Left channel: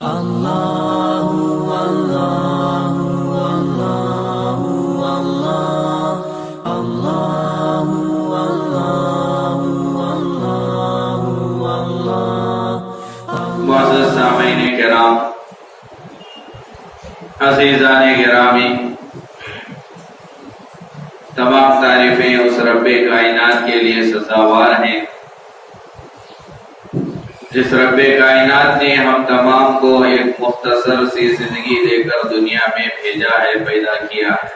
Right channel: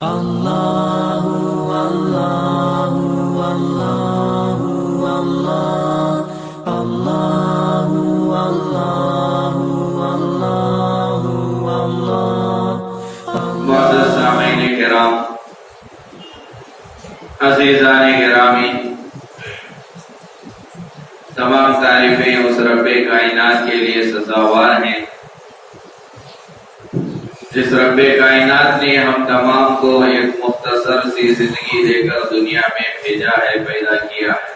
معزز سامعین کرام، عزیزان گرامی، تمام تعریفیں اس رب کائنات کے لیے سزاوار ہیں جس رب کائنات نے ہم تمام کو ایک مختصر سی زندگی دے کر دنیا میں بھیجا ہے، پیدا کیا ہے۔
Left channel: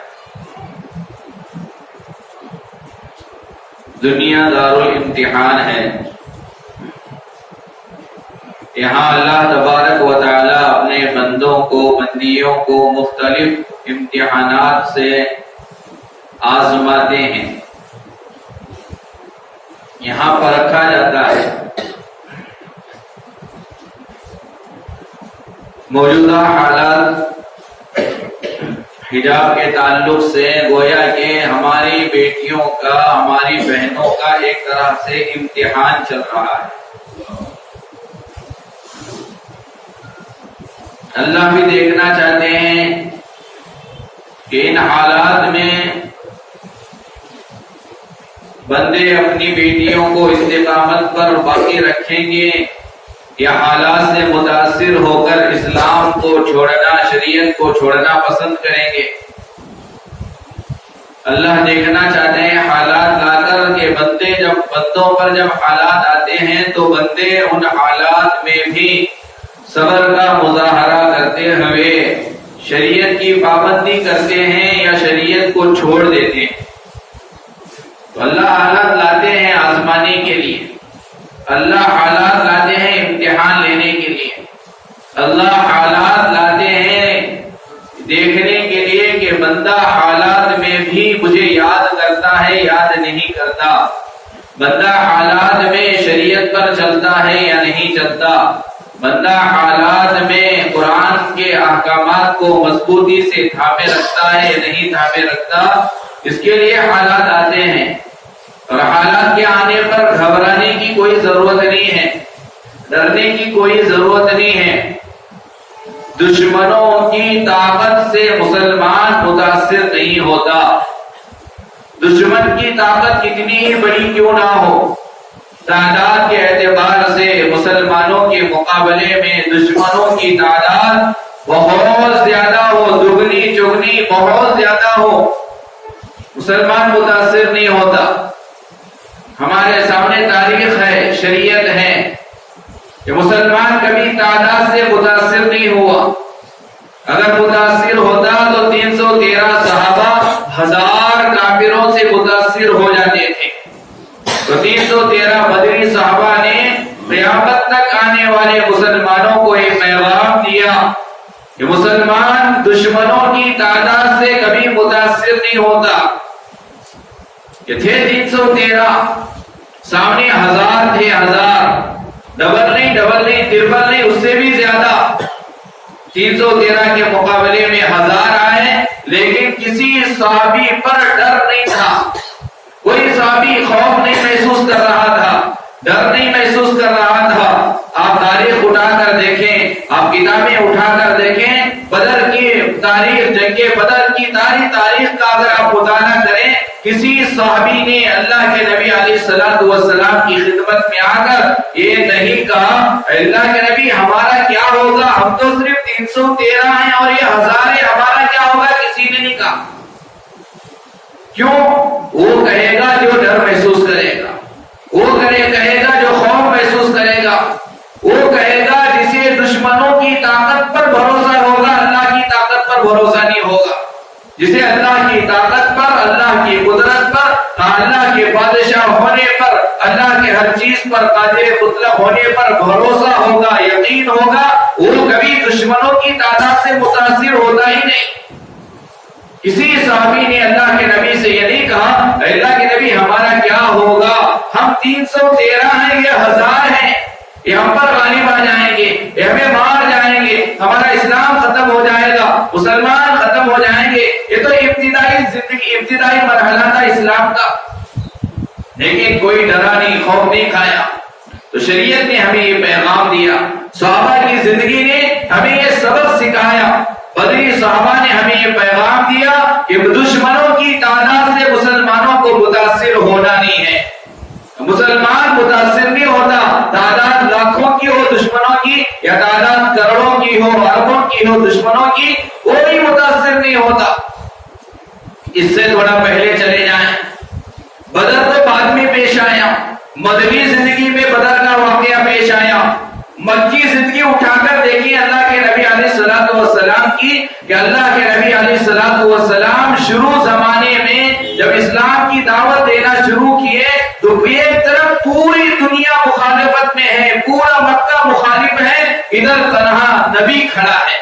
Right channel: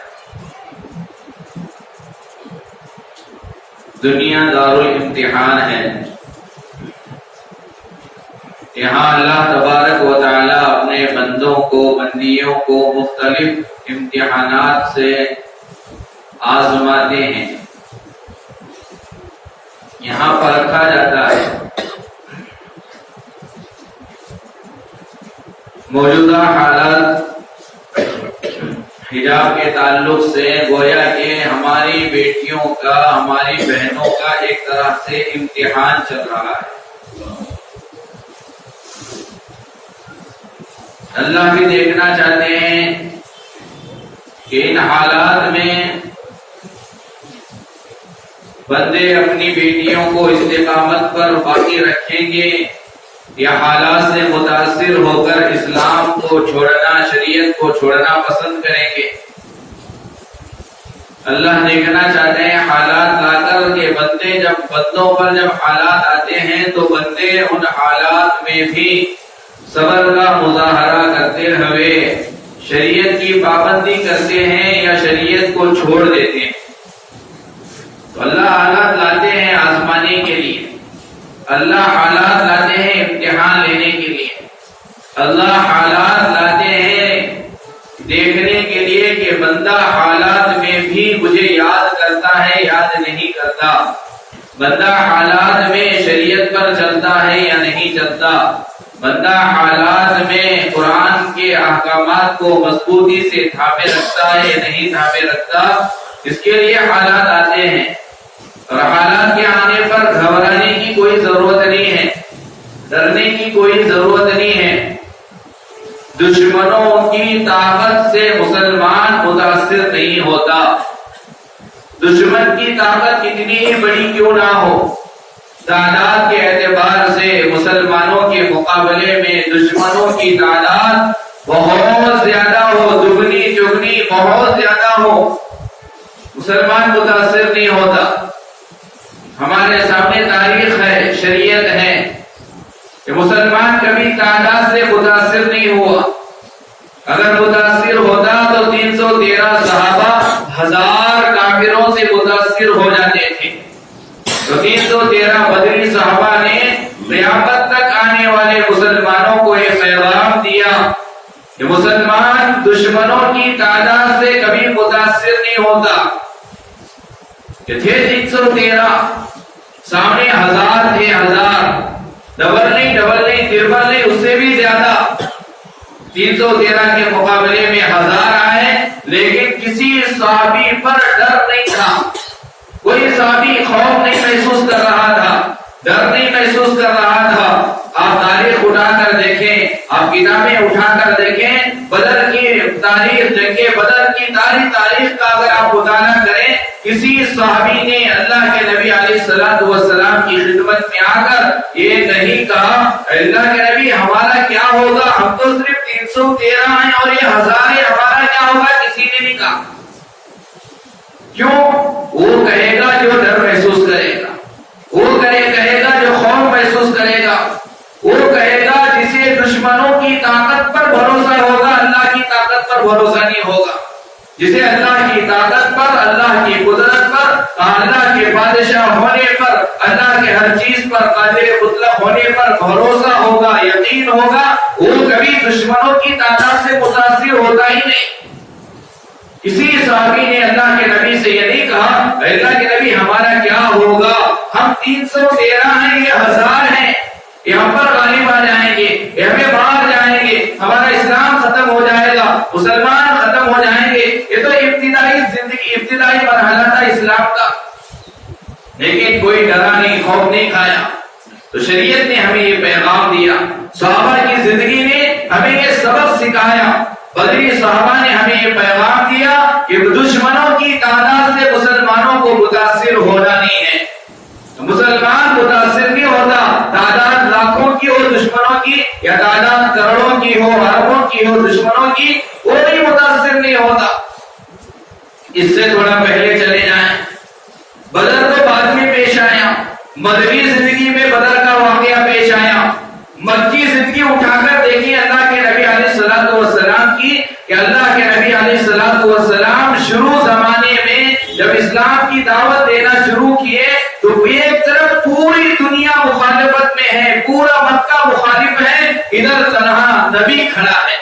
دنیا دارالامتحان ہے۔ یہاں اللہ تبارک و تعالی اپنے بندوں کو، بندیوں کو مختلف امتحانات سے آزماتے ہیں، یہاں پرکھا جاتا ہے۔ موجودہ حالات حجاب کے تعلق سے گویا کہ ہماری بیٹیوں کا، ہماری بہنوں کا ایک طرح سے امتحان چل رہا ہے۔ اللہ بھی دیکھنا چاہتے ہیں کہ ان حالات میں بندے اپنی بیٹیوں کو استقامت پر باقی رکھیں گے یا حالات سے متاثر ہو کر اسلام کو چھوڑنا، شریعت کو چھوڑنا پسند کریں گے۔ اللہ دیکھنا چاہتے ہیں حالات لا کر کہ بندوں پر جب حالات آتے ہیں تو بندے ان حالات میں بھی صبر کا مظاہرہ کرتے ہوئے شریعت کی پابندی کرتے ہیں یا شریعت کو چھوڑ دیتے ہیں۔ تو اللہ حالات لاتے ہیں آزمانے کے لیے، اللہ حالات لاتے ہیں امتحان لینے کے لیے، اللہ حالات لاتے ہیں دیکھنے کے لیے کہ بندہ حالات میں بھی مجھے یاد کرتا ہے، یاد نہیں کرتا، بندہ حالات میں شریعت پر چلتا ہے یا نہیں چلتا، بندہ حالات میں قرآن کے احکامات کو مضبوطی سے تھامے رکھتا ہے یا نہیں تھامے رکھتا۔ اس کے لیے حالات آتے ہیں، اور حالات کے آنے پر گھبرانے کی کوئی ضرورت نہیں ہے، ڈرنے کی کوئی ضرورت نہیں ہے۔ دشمنوں کی طاقت سے مسلمان متاثر نہیں ہوتا۔ دشمن کی طاقت کتنی ہی بڑی کیوں نہ ہو، تعداد کے اعتبار سے مسلمانوں کے مقابلے میں دشمنوں کی تعداد بہت زیادہ ہو، دگنی چگنی بہت زیادہ ہو، مسلمان متاثر نہیں ہوتا۔ ہمارے سامنے تاریخ ہے، شریعت ہے کہ مسلمان کبھی تعداد سے متاثر نہیں ہوا۔ اگر متاثر ہوتا تو 313 صحابہ 1000 کافروں سے متاثر ہو جاتے تھے۔ تو 313 بدری صحابہ نے قیامت تک آنے والے مسلمانوں کو ایک پیغام دیا کہ مسلمان دشمنوں کی تعداد سے کبھی متاثر نہیں ہوتا۔ کہ تھے 313، سامنے 1000 تھے، 1000، ڈبل نہیں، تربل نہیں، اس سے بھی زیادہ۔ 313 کے مقابلے میں 1000 آئے، لیکن کسی صحابی پر ڈر نہیں تھا، کوئی صحابی خوف نہیں محسوس کر رہا تھا، ڈر نہیں محسوس کر رہا تھا۔ آپ تاریخ اٹھا کر دیکھیں، آپ کتابیں اٹھا کر دیکھیں، بدر کی تاریخ، جنگ بدر کی تاریخ کا اگر آپ مطالعہ کریں، کسی صحابی نے اللہ کے نبی علیہ الصلوۃ والسلام کی خدمت میں آ کر یہ نہیں کہا اللہ کے نبی ہمارا کیا ہوگا، ہم تو صرف 313 ہیں اور یہ 1000 ہے، ہمارا کیا ہوگا، کسی نے نہیں کہا۔ کیوں؟ وہ کہے گا جو ڈر محسوس کرے گا، وہ کہے گا جو خوف محسوس کرے گا، وہ کہے گا جسے دشمنوں کی طاقت پر بھروسہ ہوگا، اللہ کی طاقت پر بھروسہ نہیں ہوگا۔ جسے اللہ کی طاقت پر، اللہ کی قدرت پر، اللہ کے بادشاہ ہونے پر، اللہ کے ہر چیز پر قادر مطلق ہونے پر بھروسہ ہوگا، یقین ہوگا، وہ کبھی دشمنوں کی تعداد سے متاثر ہوتا ہی نہیں۔ کسی صحابی نے اللہ کے نبی سے یہ نہیں کہا اللہ کے نبی ہمارا کیا ہوگا، ہم 313 ہیں، یہ 1000 ہیں، یہ ہم پر غالب آ جائیں گے، یہ ہمیں مار جائیں گے، ہمارا اسلام ختم ہو جائے گا، مسلمان ختم ہو جائیں گے۔ یہ تو ابتدائی مرحلہ تھا اسلام کا، لیکن کوئی ڈرا نہیں، خوف نہیں کھایا۔ تو شریعت نے ہمیں یہ پیغام دیا، صحابہ کی زندگی میں ہمیں یہ سبق سکھایا، بدری صحابہ نے ہمیں یہ پیغام دیا کہ دشمنوں کی تعداد سے مسلمانوں کو متاثر ہونا نہیں ہے۔ مسلمان متاثر نہیں ہوتا، تعداد لاکھوں کی ہو دشمنوں کی یا تعداد کروڑوں کی ہو اربوں کی ہو دشمنوں کی، کوئی متاثر نہیں ہوتا۔ اس سے تھوڑا پہلے چلے جائیں، بدر تو بعد میں پیش آیا، مدنی زندگی میں بدر کا واقعہ پیش آیا۔ مکی زندگی اٹھا کر دیکھیے اللہ کے نبی علیہ الصلوۃ والسلام کی، کہ اللہ کے نبی علیہ الصلوۃ والسلام شروع زمانے میں جب اسلام کی دعوت دینا شروع کیے تو ایک طرف پوری دنیا مخالفت میں ہے، پورا مکہ مخالف ہے، ادھر تنہا نبی کھڑا ہے۔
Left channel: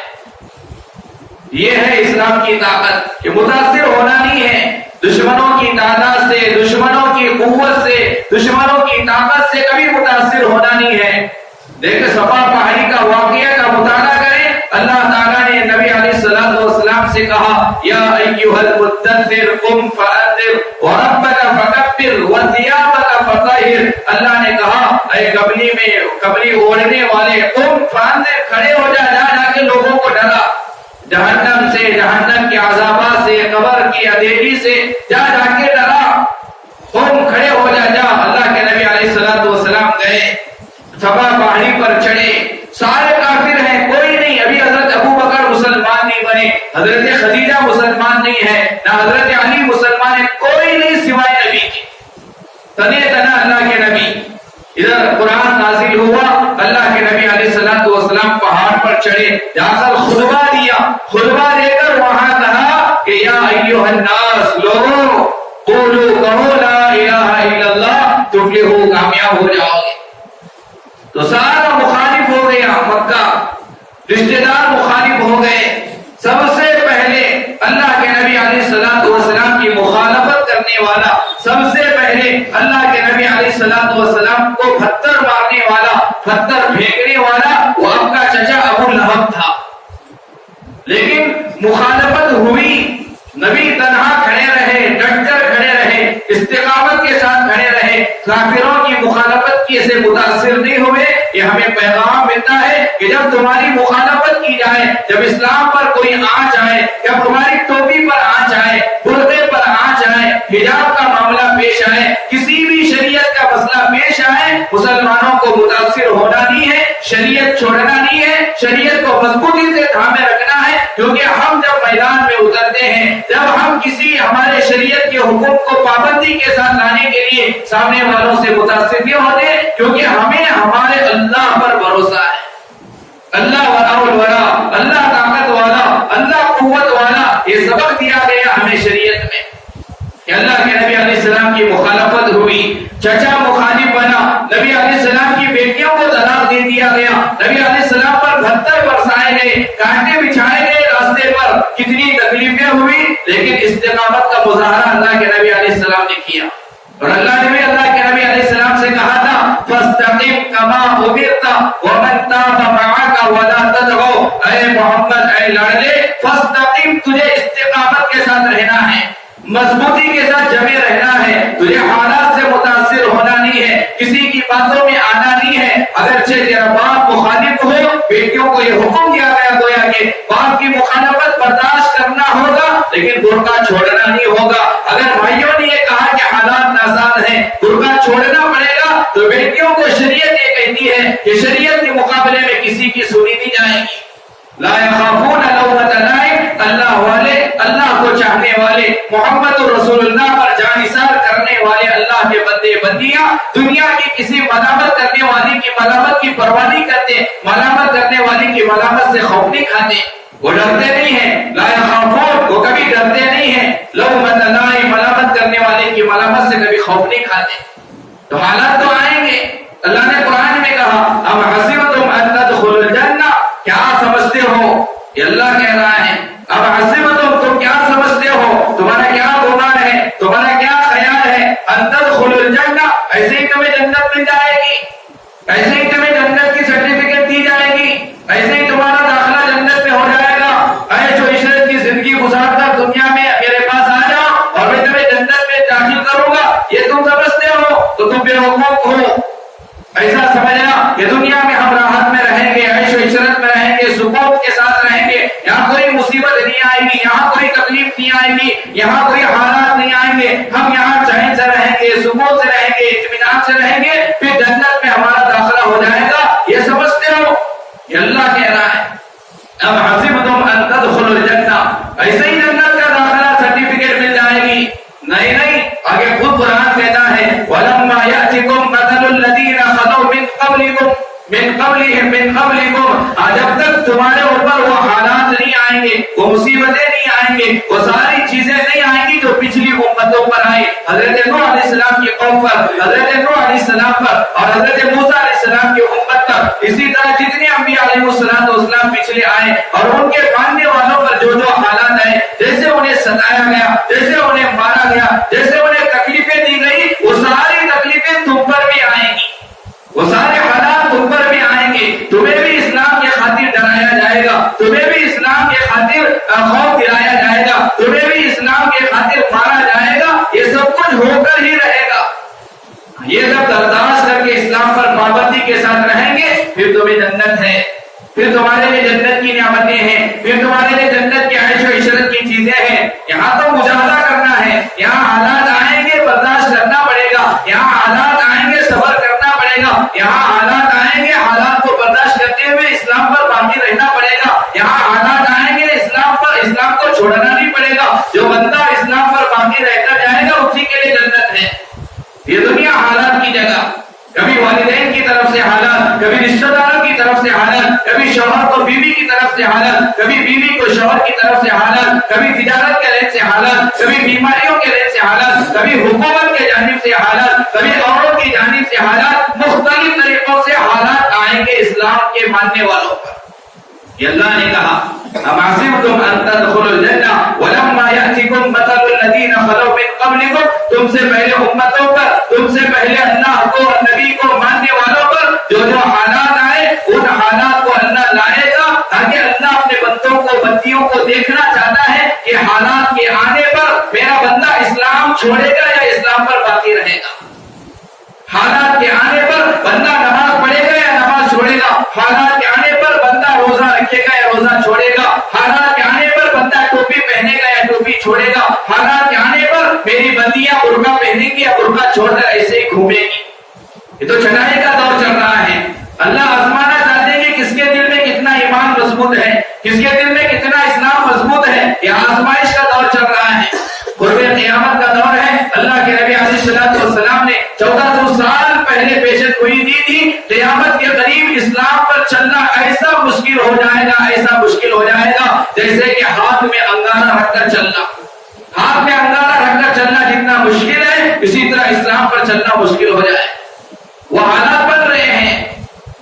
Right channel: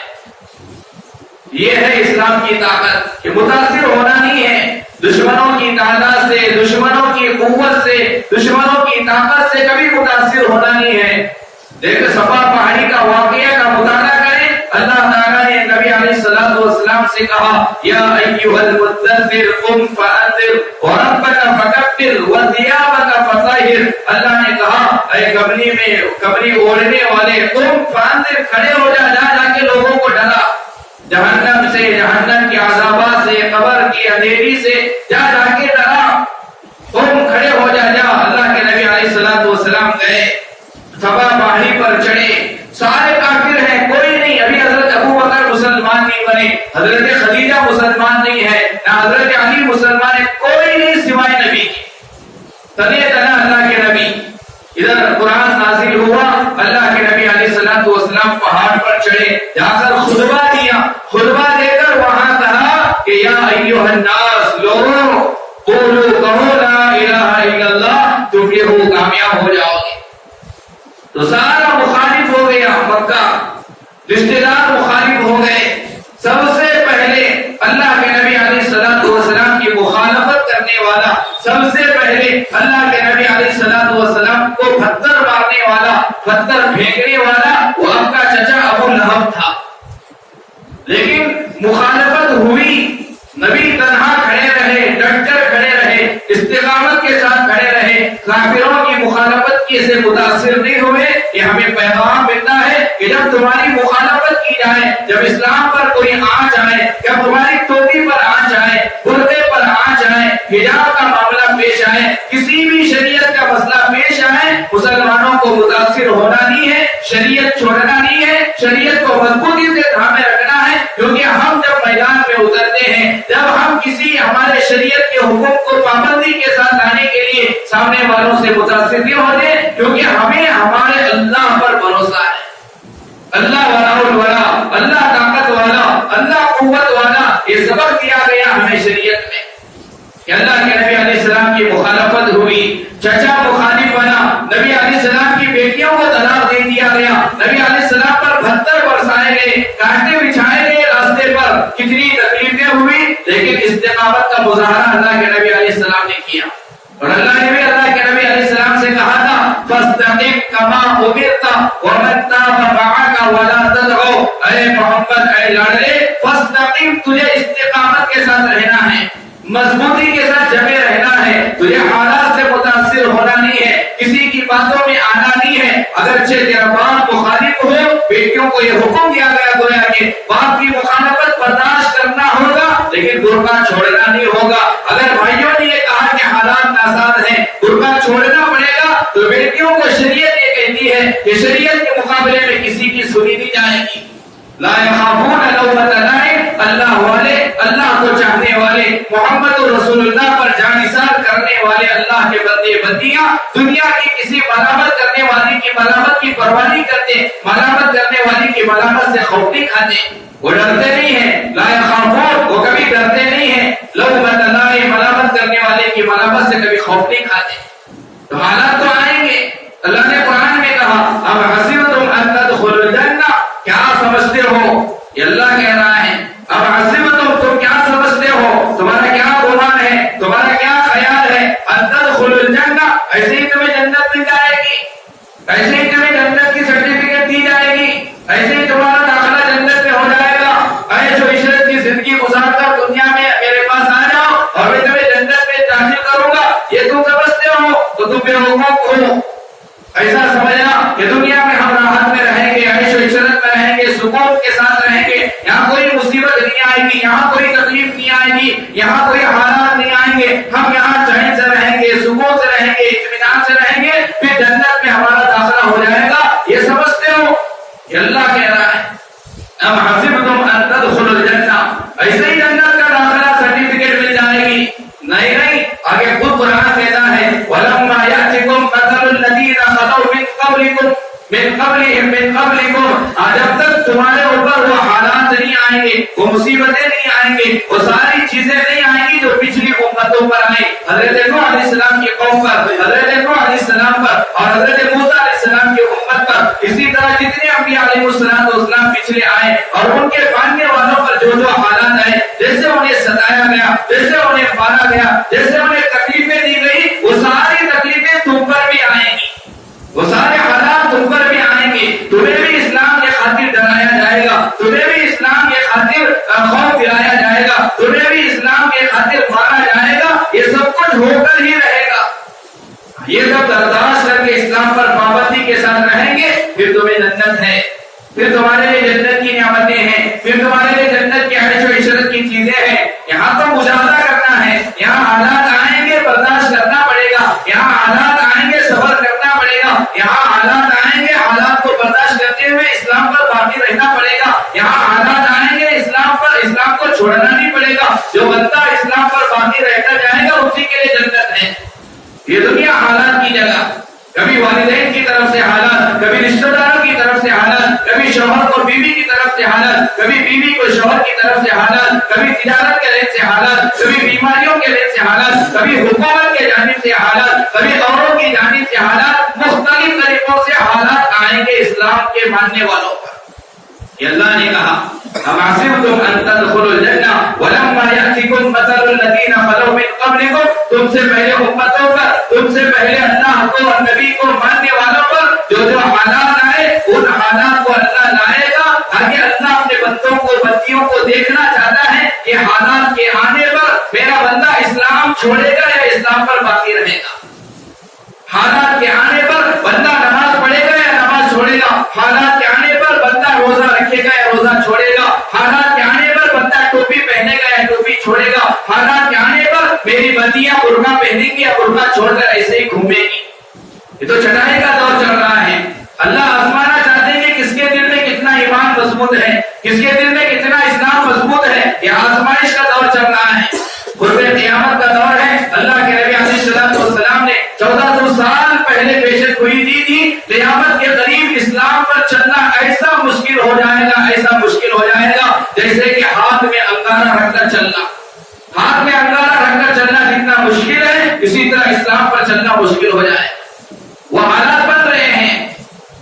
یہ ہے اسلام کی طاقت کہ متاثر ہونا نہیں ہے دشمنوں کی تعداد سے، دشمنوں کی قوت سے، دشمنوں کی طاقت سے کبھی متاثر ہونا نہیں ہے۔ دیکھ صفا پہاڑی کا واقعہ کا مطالعہ کریں، اللہ تعالیٰ نے نبی علیہ الصلوۃ والسلام سے کہا یا ایھا المدثر قم فانذر وربک فکبر وثیابک فطہر۔ اللہ نے کہا اے کمری اوڑھنے والے، قم فانذر، کھڑے ہو جا، جا کے لوگوں کو ڈرا جہنم سے، جہنم کے عذابات سے، قبر کی اندھیری سے، جا کے ڈرا، قم کھڑے ہو جا۔ اللہ کے نبی علیہ الصلوۃ والسلام گئے، صفا پہاڑی پر چڑھے، سارے کافر ہیں، کوئی نہیں، ابھی حضرت ابو بکر مسلمان نہیں بنے، حضرت خدیجہ مسلمان نہیں ہے، نہ حضرت علی مسلمان ہے، کوئی نہیں سوائے نبی کے، تنے تنا اللہ کے نبی۔ ادھر قرآن نازل ہوا، اللہ کے نبی علیہ الصلوۃ والسلام پہاڑ پر چڑھے، جا کر خطبہ دیا، خطبہ دے کر وہاں کہا کہ یا ایھا الناس، لوگوں قولوا، کہو لا الہ الا اللہ تفلحوا، کامیاب ہو جاؤ گے۔ تو سارا مخالف ہو گیا مکہ، رشتہ دار مخالف ہو گئے۔ سب سے پہلے اللہ کے نبی علیہ الصلوۃ والسلام کی مخالفت کرنے والا، سب سے پہلے اللہ کے نبی علیہ الصلوۃ والسلام کو پتھر مارنے والا، پتھر پھینکنے والا وہ آپ کا چچا ابو لہب تھا۔ لیکن مخالفت ہوئی، نبی تنہا کھڑے رہے، ڈٹ کر کھڑے رہے، استقامت کے ساتھ کھڑے رہے، کافروں کی مخالفت کی سے متاثر نہیں ہوئے۔ یہ ہمیں پیغام ملتا ہے کہ جب تمہاری مخالفت کی جائے، جب اسلام پر کوئی آنچ آئے، جب تمہاری ٹوپی پر آنچ آئے، برقعے پر آنچ آئے، حجاب کا معاملہ پیش آئے، کسی بھی شریعت کا مسئلہ پیش آئے، مسلمانوں کو متاثر ہونا نہیں ہے، شریعت چھوڑنا نہیں ہے، شریعت کو مضبوطی سے تھامے رکھنا ہے، کیونکہ ہم جب میدان میں اترتے ہیں، جب ہم کسی ہمارے شریعت کے حکم کو پابندی کے ساتھ لانے کے لیے سامنے والوں سے متاثر نہیں ہوتے، کیونکہ ہمیں ہمارے اللہ پر بھروسہ ہے۔ اللہ ولا الولا، اللہ طاقت والا، اللہ قوت والا، یہ سبق دیا گیا ہمیں شریعت میں کہ اللہ کے نبی علیہ السلام کی مخالفت ہوئی، چچا مخالف بنا، نبی علیہ السلام کی بیٹیوں کو طلاق دے دیا گیا، نبی علیہ السلام پر پتھر برسائے گئے، کانٹے بچھائے گئے راستے پر، کتنی تکلیفیں ہوئی، لیکن استقامت کا مظاہرہ اللہ کے نبی علیہ السلام نے کیا۔ اور اللہ نے بھی اللہ کے نبی علیہ السلام سے کہا تھا فاستقم کما امرت ومن تاب معك ولا تطغوا، اے محمد، اے لاڈلے، فاستقم، تجھے استقامت کے ساتھ رہنا ہے، مضبوطی کے ساتھ جمے رہنا ہے، تجھے حالات سے متاثر ہونا نہیں ہے، کسی کی باتوں میں آنا نہیں ہے۔ اگرچہ تیرا باپ مخالف ہو، بیٹیوں کو یہ حکم دیا گیا گویا کہ باپ کی مخالفت برداشت کرنا ہوگا، لیکن برقع چھوڑنا نہیں ہوگا۔ اگر بھائیوں نے یہ کہا کہ حالات ناساز ہیں، برقع چھوڑنا پڑے گا، تو بیٹیوں کو شریعت یہ کہتی ہے کہ شریعت کے مقابلے میں کسی کی سنی نہیں جائے گی۔ لا يخافون لومۃ لائم، اللہ والے، اللہ کو چاہنے والے، محمد رسول اللہ پر جانثار کرنے والے اللہ کے بندے بندیاں دنیا کی کسی ملامت کرنے والی کی ملامت کی پرواہ نہیں کرتے، ملامت کرنے والی کی ملامت سے خوف نہیں کھاتے، وہ ڈرتے نہیں ہیں۔ لا يخافون، وہ کبھی ڈرتے نہیں ہیں، لومۃ لائم، ملامت کرنے والے کی ملامت سے کبھی خوف نہیں کھاتے۔ تو حالات تو آئیں گے، اللہ نے قرآن میں کہا ام حسبتم ان تدخلوا الجنہ، کیا سمجھتے ہو، یہ اللہ کہہ رہا ہے، اب حسبتم، تم کیا سمجھتے ہو، تمہارا کیا گمان ہے، تمہارا کیا خیال ہے، ان تدخلوا الجنہ، ایسے ہی تمہیں جنت مل جائے گی، ایسے ہی تمہیں جنت کی سرٹیفکیٹ دی جائے گی، ایسے ہی تمہارا داخلہ جنت میں ہو جائے گا، عیش و عشرت کی زندگی گزار کر دنیا میں میرے پاس آ جاؤ اور میں تمہیں جنت میں داخل کروں گا، یہ تم سمجھتے ہو تو تم بیوقوف ہو۔ ایسا سمجھا کہ دنیا میں ہم راحت میں رہیں گے، عیش و عشرت میں رہیں گے، سکون کے ساتھ رہیں گے، یہاں کوئی مصیبت نہیں آئے گی، یہاں کوئی تکلیف نہیں آئے گی، یہاں کوئی حالات نہیں آئیں گے، ہم یہاں چین سے رہیں گے، سکون سے رہیں گے، اطمینان سے رہیں گے، پھر جنت میں ہمارا داخلہ ہو جائے گا۔ یہ سمجھتے ہو؟ یہ اللہ کہہ رہا ہے اب حسبتم ان تدخلوا الجنہ، ایسے ہی جنت کا داخلہ سرٹیفکیٹ مل جائے گی؟ نہیں نہیں، آگے خود قرآن کہتا ہے وَلَمَّا يَأْتِكُمْ مَثَلُ الَّذِينَ خَلَوْا مِن قَبْلِكُمْ من قبلكم، جب تک تمہارے اوپر وہ حالات نہیں آئیں گے، وہ مصیبتیں نہیں آئیں گے، وہ ساری چیزیں نہیں آئیں گی جو پچھلی امتوں پر آئی، حضرت نوح علیہ السلام کی قوم پر، حضرت نوح علیہ السلام پر، اور حضرت موسیٰ علیہ السلام کی امت پر، اسی طرح جتنے انبیاء علیہ السلام پچھلے آئے اور ان کے ماننے والوں پر جو جو حالات آئے، جیسے انہیں ستایا گیا، جیسے انہیں مارا گیا، جیسے انہیں تکلیفیں دی گئی، وہ ساری تکلیفیں تم پر بھی آئیں گی، وہ سارے حالات تم پر بھی آئیں گے، تمہیں بھی اسلام کے خاطر ڈرایا جائے گا، تمہیں بھی اسلام کے خاطر خوف دلایا جائے گا، تمہیں بھی اسلام کے خاطر مارا جائے گا، یہ سب کچھ ہو کر ہی رہے گا۔ یہ سب برداشت کر کے اسلام پر پابندی کے ساتھ رہیں گے، پھر تمہیں جنت ہے، پھر تمہارے لیے جنت کی نعمتیں ہیں، پھر تمہارے لیے جنت کی عیش و عشرت کی چیزیں ہیں۔ یہاں تو مجاہدہ کرنا ہے، یہاں حالات آئیں گے برداشت کرنا پڑے گا، یہاں حالات آئیں گے صبر کرنا پڑے گا، یہاں حالات آئیں گے حالات کو برداشت کرتے ہوئے اسلام پر باقی رہنا پڑے گا، یہاں حالات آئیں گے اسلام کو چھوڑنا نہیں پڑے گا۔ جو بندہ اسلام پر باقی رہتا جائے گا اسی کے لیے جنت ہے۔ یہ دنیا حالات کی جگہ، کبھی والدین کی طرف سے حالات، کبھی رشتہ داروں کی طرف سے حالات، کبھی شوہر کو بیوی کی طرف سے حالات، کبھی بیوی کو شوہر کی طرف سے حالات، کبھی تجارت کے لحاظ سے حالات، کبھی بیماریوں کے لحاظ سے حالات، کبھی حکومت کے جانب سے حالات، کبھی اوروں کی جانب سے حالات، مختلف طریقوں سے حالات آئیں گے اسلام کے ماننے والوں پر۔ یہ اللہ نے کہا حسبتم ان تدخلوا الجنہ ولما یأتکم مثل الذین خلوا من قبلکم، تم سے پہلے امتوں پر، تم سے پہلے اللہ کو اور نبی کو ماننے والوں پر جو جو حالات آئے ان حالات کو اللہ لائے گا۔ آگے اللہ اپنے بندوں کو بندیوں کو دیکھنا چاہتا ہے کہ حالات کے آنے پر میرا بندہ اسلام چھوڑے گا یا اسلام پر باقی رہے گا۔ حالات کے آنے پر بندہ نماز پڑھے گا یا نماز چھوڑے گا، حالات کے آنے پر بندہ روزہ رکھے گا یا روزہ چھوڑے گا، حالات کے آنے پر بندہ ٹوپی پہنے گا یا ٹوپی چھوڑے گا، حالات کے آنے پر میری بندیاں برقع پہنیں گی یا برقع چھوڑ کر ایسے ہی گھومے گی۔ یہ تو چڑھائی کا دور چل رہا ہے۔ اللہ آزمانا چاہتے ہیں کہ کس کے دل میں کتنا ایمان مضبوط ہے، کس کے دل میں کتنا اسلام مضبوط ہے۔ یہ آزمائش کا دور چل رہا ہے، قرب قیامت کا دور ہے۔ اللہ کے نبی علیہ السلام نے 1400 سال پہلے پیشن گوئی دی تھی، قیامت کے قریب اسلام پر چلنا ایسا مشکل ہو جائے گا، ایسا مشکل ہو جائے گا جیسے کہ ہاتھ میں انگارہ رکھ کر چلنا۔ ہاتھ میں انگارہ رکھ کر چلنا جتنا مشکل ہے، اسی طرح اسلام پر چلنا مشکل ہو جائے۔ وہ حالات بن رہے ہیں،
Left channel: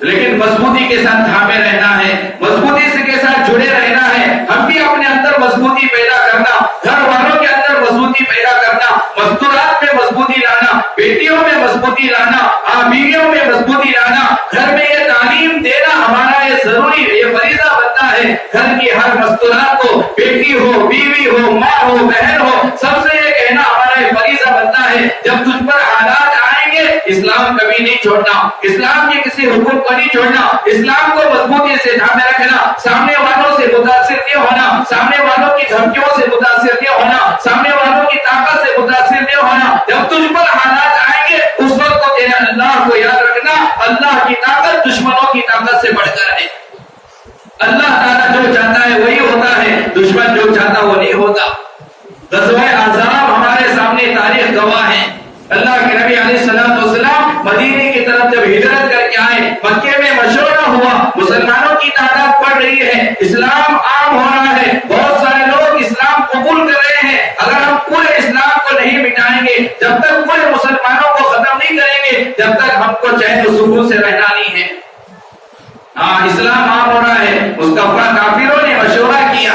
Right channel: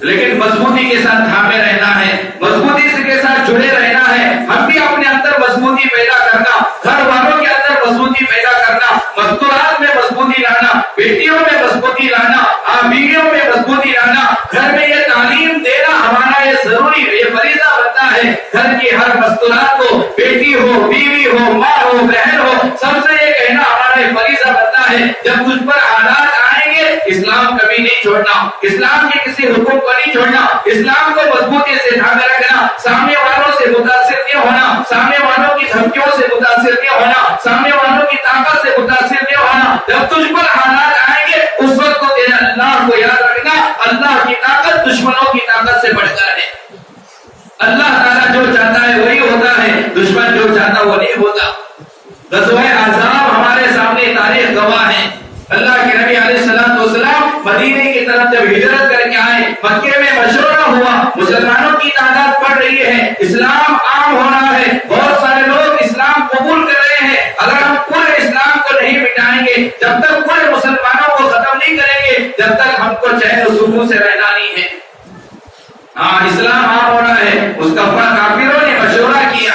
لیکن مضبوطی کے ساتھ تھامے رہنا ہے، مضبوطی سے کے ساتھ جڑے رہنا ہے۔ ہم بھی اپنے اندر مضبوطی پیدا کرنا، گھر والوں کے اندر مضبوطی پیدا کرنا، مستورات میں مضبوطی لانا، بیٹیوں میں مضبوطی لانا، بیویوں میں مضبوطی لانا، گھر میں یہ تعلیم دینا ہمارا یہ ضروری ہے، یہ فریضہ بنتا ہے۔ گھر کی ہر مستورات کو، بیٹی ہو، بیوی ہو، ماں ہو، بہن ہو، سب سے یہ کہنا ہمارا یہ فریضہ بنتا ہے جب تجھ پر حالات آئیں گے اسلام کبھی نہیں چھوڑنا، اسلام کے کسی حکم کو نہیں چھوڑنا، اسلام کو مضبوطی سے تھامے رکھنا، سامنے والوں سے متاثر نہیں ہونا، سامنے والوں کی دھمکیوں سے متاثر نہیں ہونا، سامنے والوں کی طاقت سے متاثر نہیں ہونا۔ جب تجھ پر حالات آئیں گے اس وقت تو تیرے اللہ کو یاد رکھنا، اللہ کی طاقت دشمنوں کی طاقت سے بڑھ کر ہے۔ اللہ تعالیٰ جو چاہتا ہے وہی ہوتا ہے، دشمن جو چاہتا وہ نہیں ہوتا۔ غزوہ احزاب ہمارے سامنے تاریخ گواہ ہے۔ اللہ کے نبی علیہ السلام مدینے کی طرف جب ہجرت کر کے آئے، مکے میں مشورہ ہوا، مسلمانوں کی تعداد بڑھ رہی ہے، اسلام عام ہو رہا ہے، بہت سارے لوگ اسلام قبول کر رہے ہیں۔ اگر ہم پورے اسلام کو نہیں مٹائیں گے، جب تک پورے مسلمانوں کو ختم نہیں کریں گے، جب تک ہم کو چین و سکون سے رہنا نہیں ہے۔ اسلام عام ہو رہا ہے، اس کافروں نے مشورہ کیا،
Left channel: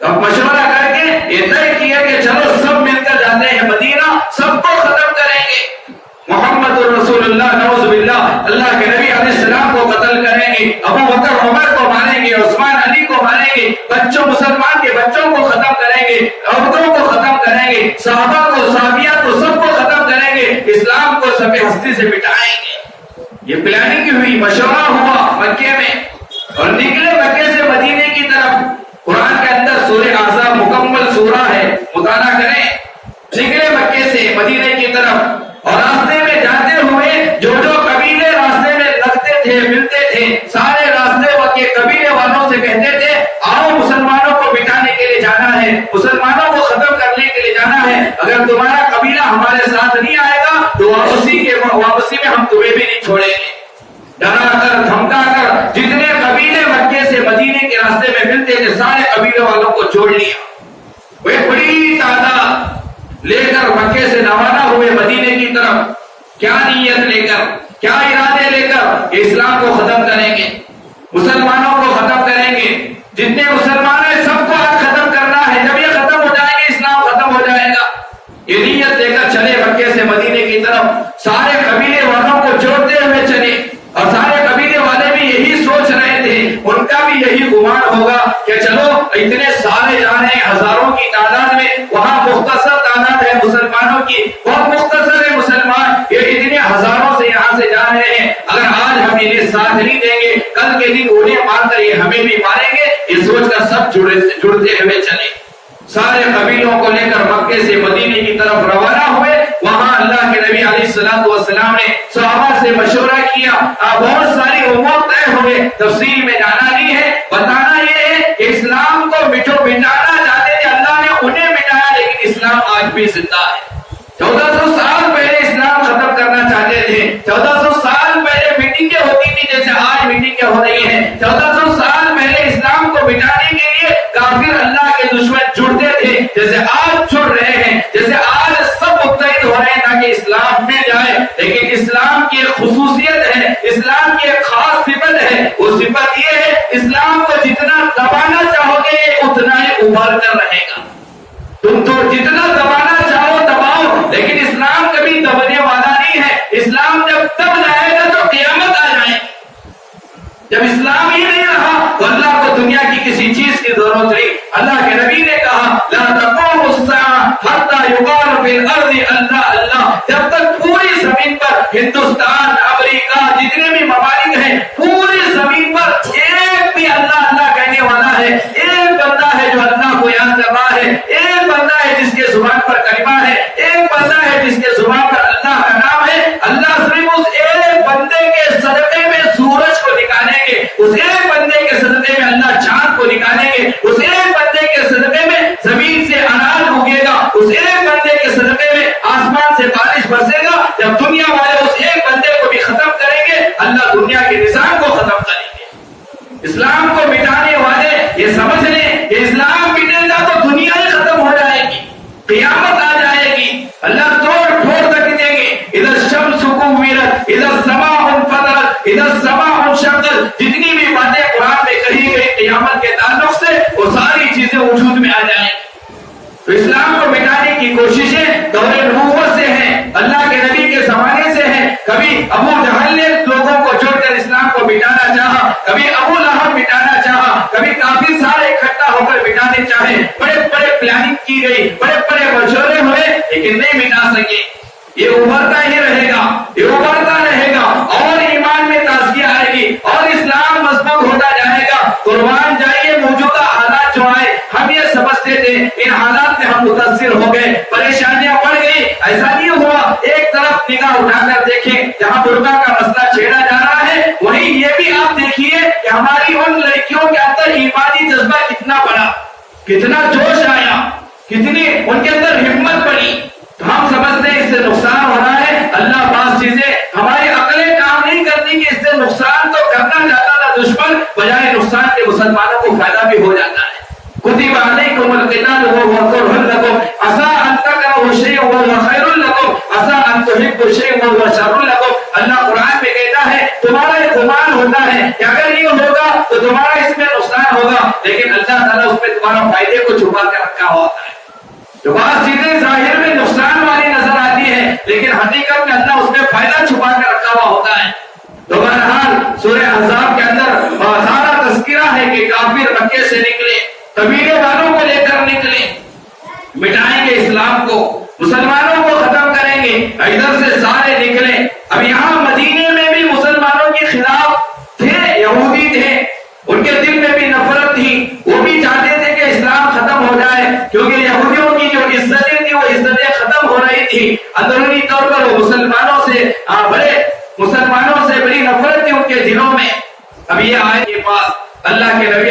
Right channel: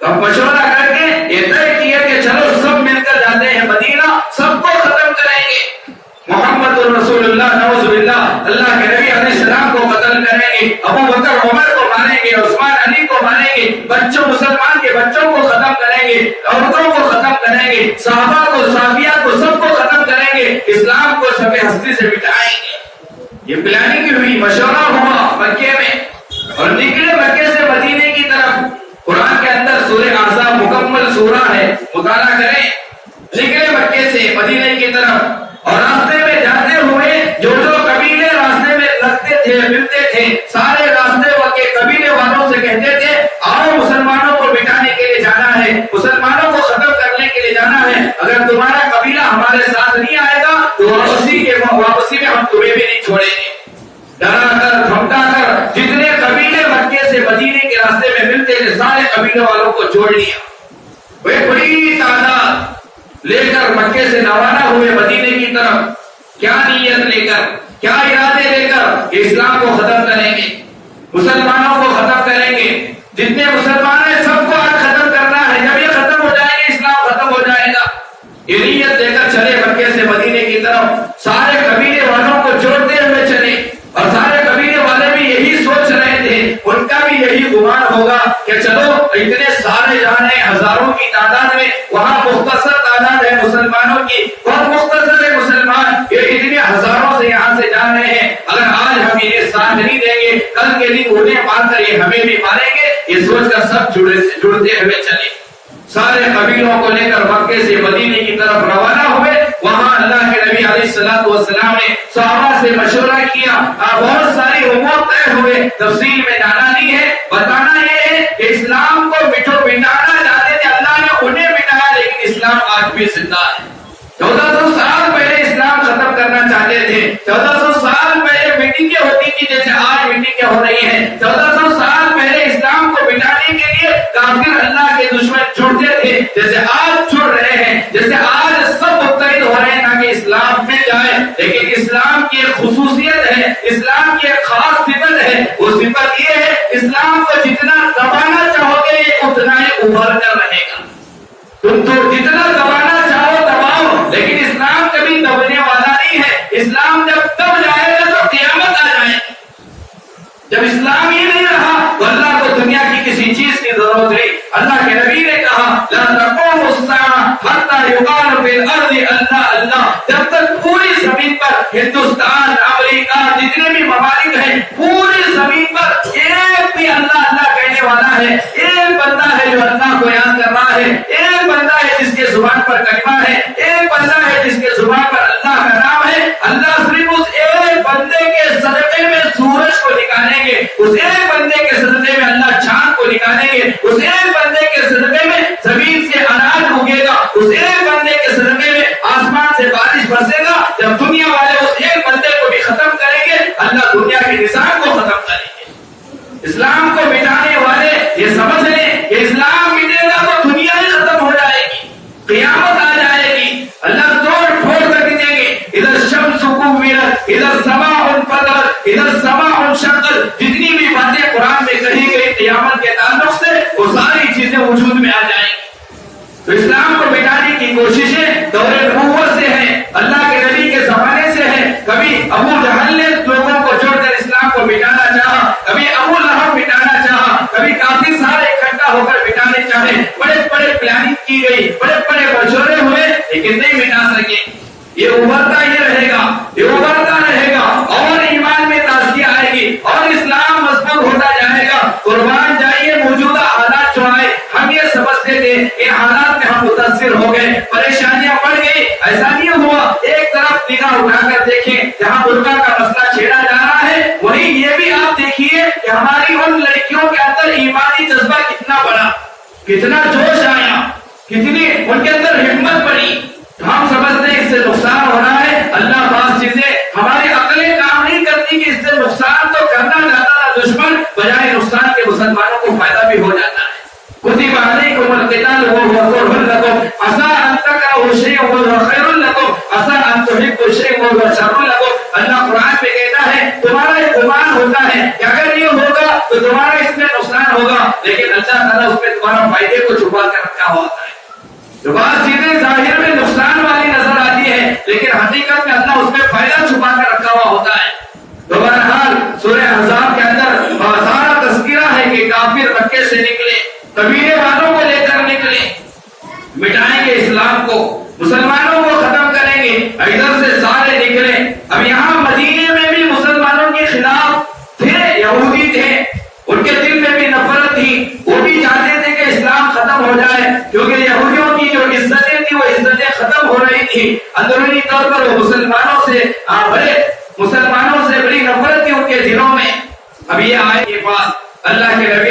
تو مشورہ کر کے یہ طے کیا کہ چلو سب مل کر جاتے ہیں مدینہ، سب کو ختم کریں گے۔ محمد رسول اللہ نعوذ باللہ، اللہ کے نبی علیہ السلام کو قتل کریں گے، ابو بکر عمر کو ماریں گے، عثمان علی کو ماریں گے، بچوں مسلمان کے بچوں کو ختم کریں گے، عورتوں کو ختم کریں گے، صحابہ کو، صحابیات کو، سب کو ختم کریں گے، اسلام کو سب ہستی سے مٹائیں گے۔ یہ پلاننگ کی ہوئی، مشورہ ہوا مکے میں، اور نکلے مکے سے مدینے مسلمانوں سے کہتے تھے آؤ مسلمانوں کو مٹانے کے لیے جانا ہے، مسلمانوں کو ختم کرنے کے لیے جانا ہے، اگر تمہارا قبیلہ ہمارے ساتھ نہیں آئے گا تو واپسی میں ہم تمہیں بھی نہیں چھوڑیں گے۔ ڈرا کر دھمکا کر جتنے قبیلے مکے سے مدینے کے راستے میں ملتے تھے سارے قبیلے والوں کو جوڑ لیا، وہ بڑی تعداد لے کر مکے سے روانہ ہوئے مدینے کی طرف۔ کیا نیت لے کر، کیا ارادے لے کر کہ اسلام کو ختم کریں گے، مسلمانوں کو ختم کریں گے، جتنے مسلمان ہیں سب کو آج ختم کرنا ہے، جب یہ ختم ہو جائیں گے اسلام ختم ہو جائے گا۔ یہ نیت لے کر چلے مکے سے مدینے کی طرف، سارے قبیلے والوں کو جوڑتے ہوئے چلے، اور سارے قبیلے والے بھی یہی سوچ رہے تھے، ان کا بھی یہی گمان ہوگا کہ چلو اتنے سارے جانے ہزاروں کی تعداد میں، وہاں مختصر تعداد ہے مسلمانوں کی، بہت مختصر ہے مسلمان، یہ اتنے ہزاروں سے یہاں سے جا رہے ہیں، اگر آج ہم انہیں ساتھ نہیں دیں گے کل کے دن انہیں مار کر یہ ہمیں بھی ماریں گے، یہ سوچ کر سب جڑتے ہوئے چلے، سارے قبیلوں کو لے کر مکے سے مدینے کی طرف روانہ ہوئے۔ وہاں اللہ کے نبی علیہ السلام نے صحابہ سے مشورہ کیا، بہت ساری امور طے ہوئے، تفصیل میں جانا نہیں ہے، بتانا یہ ہے کہ اسلام کو مٹانا چاہتے تھے، اللہ نے انہیں مٹایا لیکن اسلام آج بھی زندہ ہے۔ 1400 سال پہلے اسلام ختم کرنا چاہتے تھے، 1400 سال پہلے میٹنگیں ہوتی تھی جیسے آج میٹنگیں ہو رہی ہیں، 1400 سال پہلے اسلام کو مٹانے کے لیے کافر اللہ کے دشمن جڑتے تھے جیسے آج جڑ رہے ہیں، جیسے آج سب متحد ہو رہے ہیں تاکہ اسلام مل جائے، لیکن اسلام کی ایک خصوصیت ہے، اسلام کی ایک خاص صفت ہے، وہ صفت یہ ہے اسلام کو جتنا دبانا چاہو گے اتنا ہی ابھر کر رہے گا، تم تو جتنا دبانا چاہو دباؤ، لیکن اسلام کبھی دبنے والا نہیں ہے، اسلام جب دب جائے گا تو قیامت آ جائے گی۔ جب اسلام ہی نہیں رہا تو اللہ کو دنیا کی کسی چیز کی ضرورت نہیں۔ اللہ کے نبی نے کہا لا تقوم الساعة حتى يقال في الارض اللہ اللہ، جب تک پوری زمین پر ہندوستان، امریکہ، جتنے بھی ممالک ہیں، پوری زمین پر ایک بھی اللہ اللہ کہنے والا ہے، ایک بندہ ہے جو اللہ کو یاد کر رہا ہے، ایک بندہ ہے جس کے زبان پر کلمہ ہے، ایک بندہ ہے جس کے زبان پر اللہ کا نام ہے، اللہ صرف اس ایک بندے کے صدقے میں سورج کو نکالیں گے، اس ایک بندے کے صدقے میں اللہ چاند کو نکالیں گے، اس ایک بندے کے صدقے میں زمین سے اناج اگے گا، اس ایک بندے کے صدقے میں آسمان سے بارش برسے گا۔ جب دنیا والے اس ایک بندے کو بھی ختم کریں گے اللہ دنیا کے نظام کو ختم کریں گے۔ اسلام کو مٹانے والے یہ سمجھ لیں کہ اسلام مٹے گا تو دنیا ہی ختم ہو جائے گی، قیامت آ جائے گی، اللہ توڑ پھوڑ کر دیں گے۔ اذا الشمس كورت، اذا السماء انفطرت، اذا السماء انشقت، جتنی بھی باتیں قرآن میں کہی گئی قیامت کے تعلق سے وہ ساری چیزیں وجود میں آ جائیں گی۔ تو اسلام کو مٹانے کی کوششیں دور نبوت سے ہیں، اللہ کے نبی کے زمانے سے ہیں، کبھی ابو جہل نے لوگوں کو جوڑ کر اسلام کو مٹانا چاہا، کبھی ابو لہب مٹانا چاہا، کبھی کافی سارے اکٹھا ہو کر مٹانے چاہے، بڑے بڑے پلاننگ کی گئی، بڑے بڑے مشورے ہوئے لیکن نہیں مٹا سکے۔ یہ ابھرتا ہی رہے گا، یہ ابھرتا رہے گا، اور ایمان میں تازگی آئے گی اور اسلام مضبوط ہوتا جائے گا۔ قربان جائیے موجودہ حالات جو آئے ہم یہ سمجھتے تھے ان حالات میں ہم متاثر ہو گئے، پریشانیاں بڑھ گئی، ایسا نہیں ہوا۔ ایک طرف نگاہ اٹھا کر دیکھیں جہاں برقع کا مسئلہ چھیڑا جا رہا ہے، وہیں یہ بھی آپ دیکھیے کہ ہماری ان لڑکیوں کے اندر ایمانی جذبہ کتنا بڑا، کتنا جوش آیا، کتنی ان کے اندر ہمت بڑی۔ ہم سمجھتے ہیں اس سے نقصان ہو رہا ہے، اللہ بعض چیزیں ہماری عقلیں کام نہیں کرتی کہ اس سے نقصان تو کرنا چاہتا تھا دشمن، بجائے نقصان کے مسلمانوں کو فائدہ بھی ہو جاتا ہے۔ كتب عليكم القتال وهو كره لكم عسى ان تكرهوا شيئا وهو خير لكم عسى ان تحبوا شيئا وهو شر لكم۔ اللہ قرآن میں کہتا ہے تمہارا ایک گمان ہوتا ہے کہ اگر یہ ہوگا تو تمہارا اس میں نقصان ہوگا، لیکن اللہ تعالیٰ اس میں تمہارا فائدے کو چھپا کر رکھا ہوا ہے۔ جو بعض چیزیں ظاہر میں نقصان والی نظر آتی ہے لیکن حقیقت میں اللہ اس میں فائدہ چھپا کر رکھا ہوا ہوتا ہے۔ تو بہرحال سورہ احزاب کے اندر سارا تذکرہ ہے کہ کافر مکے سے نکلے، قبیلے والوں کو لے کر نکلے، مٹائیں گے اسلام کو، مسلمانوں کو ختم کریں گے، ادھر سے سارے نکلے۔ اب یہاں مدینے میں بھی مسلمانوں کے خلاف تھے، یہودی تھے، ان کے دل میں بھی نفرت تھی، وہ بھی چاہتے تھے کہ اسلام ختم ہو جائے، کیونکہ یہودیوں کی جو عزتیں تھیں وہ عزتیں ختم ہو رہی تھی، اندرونی طور پر وہ مسلمانوں سے بڑی نفرت تھی ان کے دلوں میں۔ اب یہ آئے کے پاس اللہ کے نبی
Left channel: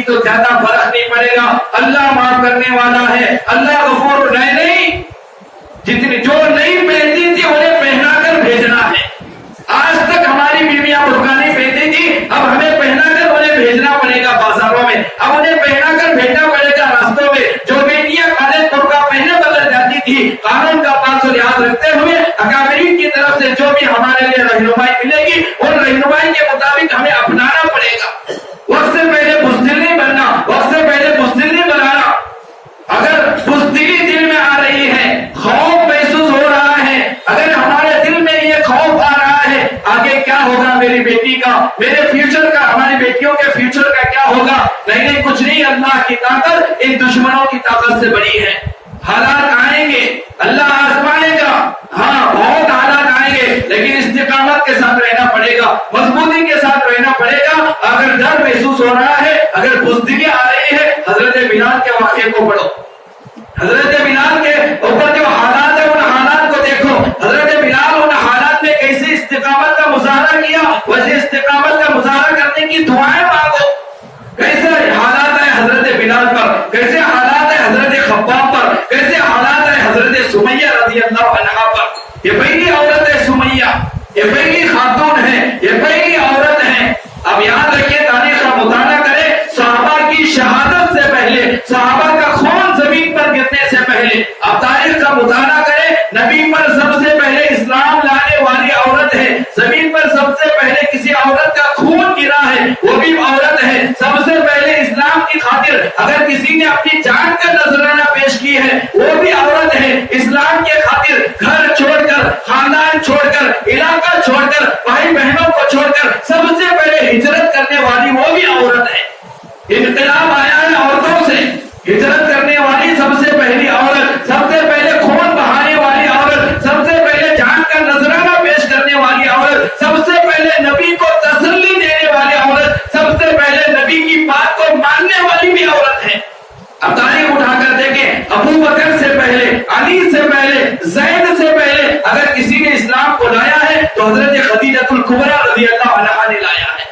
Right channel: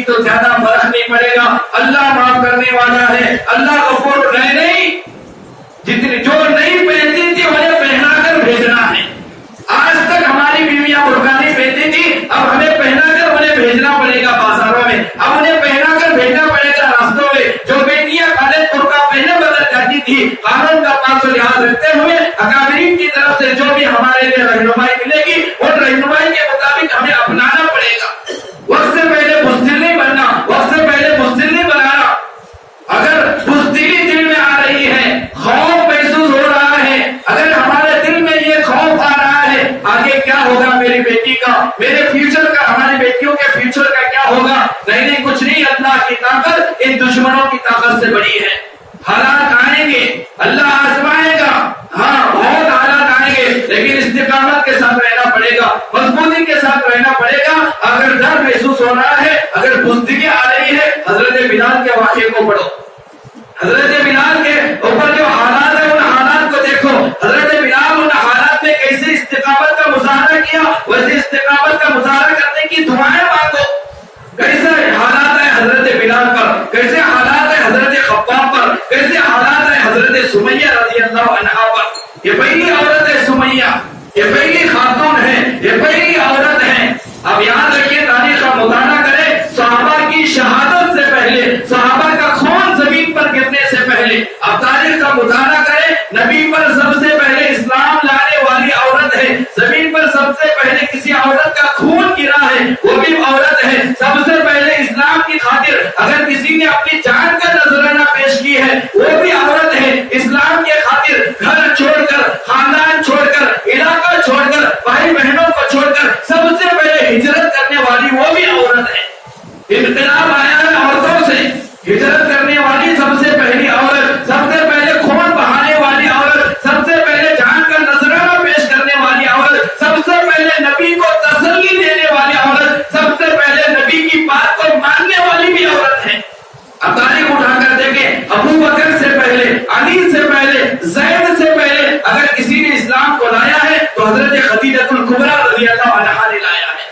کی تو زیادہ فرق نہیں پڑے گا. اللہ معاف کرنے والا ہے, اللہ غفور نہیں. جتنی جو نہیں پہنتی تھی انہیں پہنا کر بھیجنا ہے. آج تک ہماری بیویاں برقع نہیں پہنتی تھی, اب ہمیں پہنا کر انہیں بھیجنا پڑے گا بازاروں میں, اب انہیں پہنا کر بھیجنا پڑے گا راستوں میں. جو بیٹیاں کالے برقع پہنے بغیر جاتی تھی, قانون کا پاس و لحاظ رکھتے ہوئے اکابرین کی طرف سے جو بھی ہمارے لیے رہنمائی ملے گی, ان رہنمائی کے مطابق ہمیں اپنانا پڑے گا. وقت سے پہلے بزدل نہیں بننا, وقت سے پہلے بزدل نہیں بنانا. اگر بزدلی دل میں آ رہی ہے, خوف محسوس ہو رہا ہے, اگر ہمارے دل میں یہ خوف آ رہا ہے آگے کیا ہوگا میری بیٹی کا, میرے فیوچر کا, ہماری بیٹیوں کے فیوچر کا کیا ہوگا, نہیں کچھ نہیں, اللہ کی طاقت ان دشمنوں کی طاقت سے بڑی ہے. حالات آئیں گے, اللہ آزمائے گا, ہاں بہت حالات آئیں گے, لیکن استقامت کے ساتھ رہنا پڑے گا, مضبوطی کے ساتھ رہنا پڑے گا. اگر ڈر محسوس ہو رہا ہے, اگر بزدلی آ رہی ہے, حضرت بلال کے واقعے کو پڑھو. حضرت بلال کے اوپر جو حالات ہیں ان حالات کو دیکھو. حضرت بلال ان حالات میں کیسے استقامت کا مظاہرہ کیا, ویسے استقامت کا مظاہرہ کرنے کی دعائیں مانگو. کیسے حالات ہیں حضرت بلال پر, کیسے حالات ہیں حضرت خباب پر, کیسے حالات ہیں حضرت سمیہ رضی اللہ عنہا پر. یہ پہلی عورت ہے سمیہ, یہ پہلی خاتون ہے, یہ پہلی عورت ہے. اب یاد رکھیے, تاریخ کا مطالعہ کریں, صحابہ کی شہادت سے پہلے, صحابہ کا خون زمین پر گرنے سے پہلے آپ تاریخ کا مطالعہ کریں, نبی پر سب سے پہلے اسلام لانے والی عورت ہے. زمین پر سب سے پہلے کسی عورت کا خون گرا ہے, وہ بھی عورت ہے. سب سے پہلے اسلام کی خاطر اگر کسی نے اپنی جان کا نذرانہ پیش کی ہے, وہ بھی عورت ہے. اسلام کی خاطر گھر چھوڑ کر, خاندان چھوڑ کر, علاقہ چھوڑ کر, بھائی بہنوں کو چھوڑ کر سب سے پہلے ہجرت کرنے والی وہ بھی عورت ہے. انقلاب آیا ہے عورتوں سے, ہجرت کرنے والی سب سے پہلی عورت, سب سے پہلے خون بہانے والی عورت, سب سے پہلے جان کا نذرانہ پیش کرنے والی عورت, سب سے پہلے نبی کو تسلی دینے والی عورت, سب سے پہلے نبی کی بات کو ماننے والی بھی عورت ہے. اب تاریخ اٹھا کر دیکھیں, ابو بکر سے پہلے, علی سے پہلے, زید سے پہلے اگر کسی نے اسلام کو لایا ہے تو حضرت خدیجہ الکبریٰ رضی اللہ عنہا نے لایا ہے.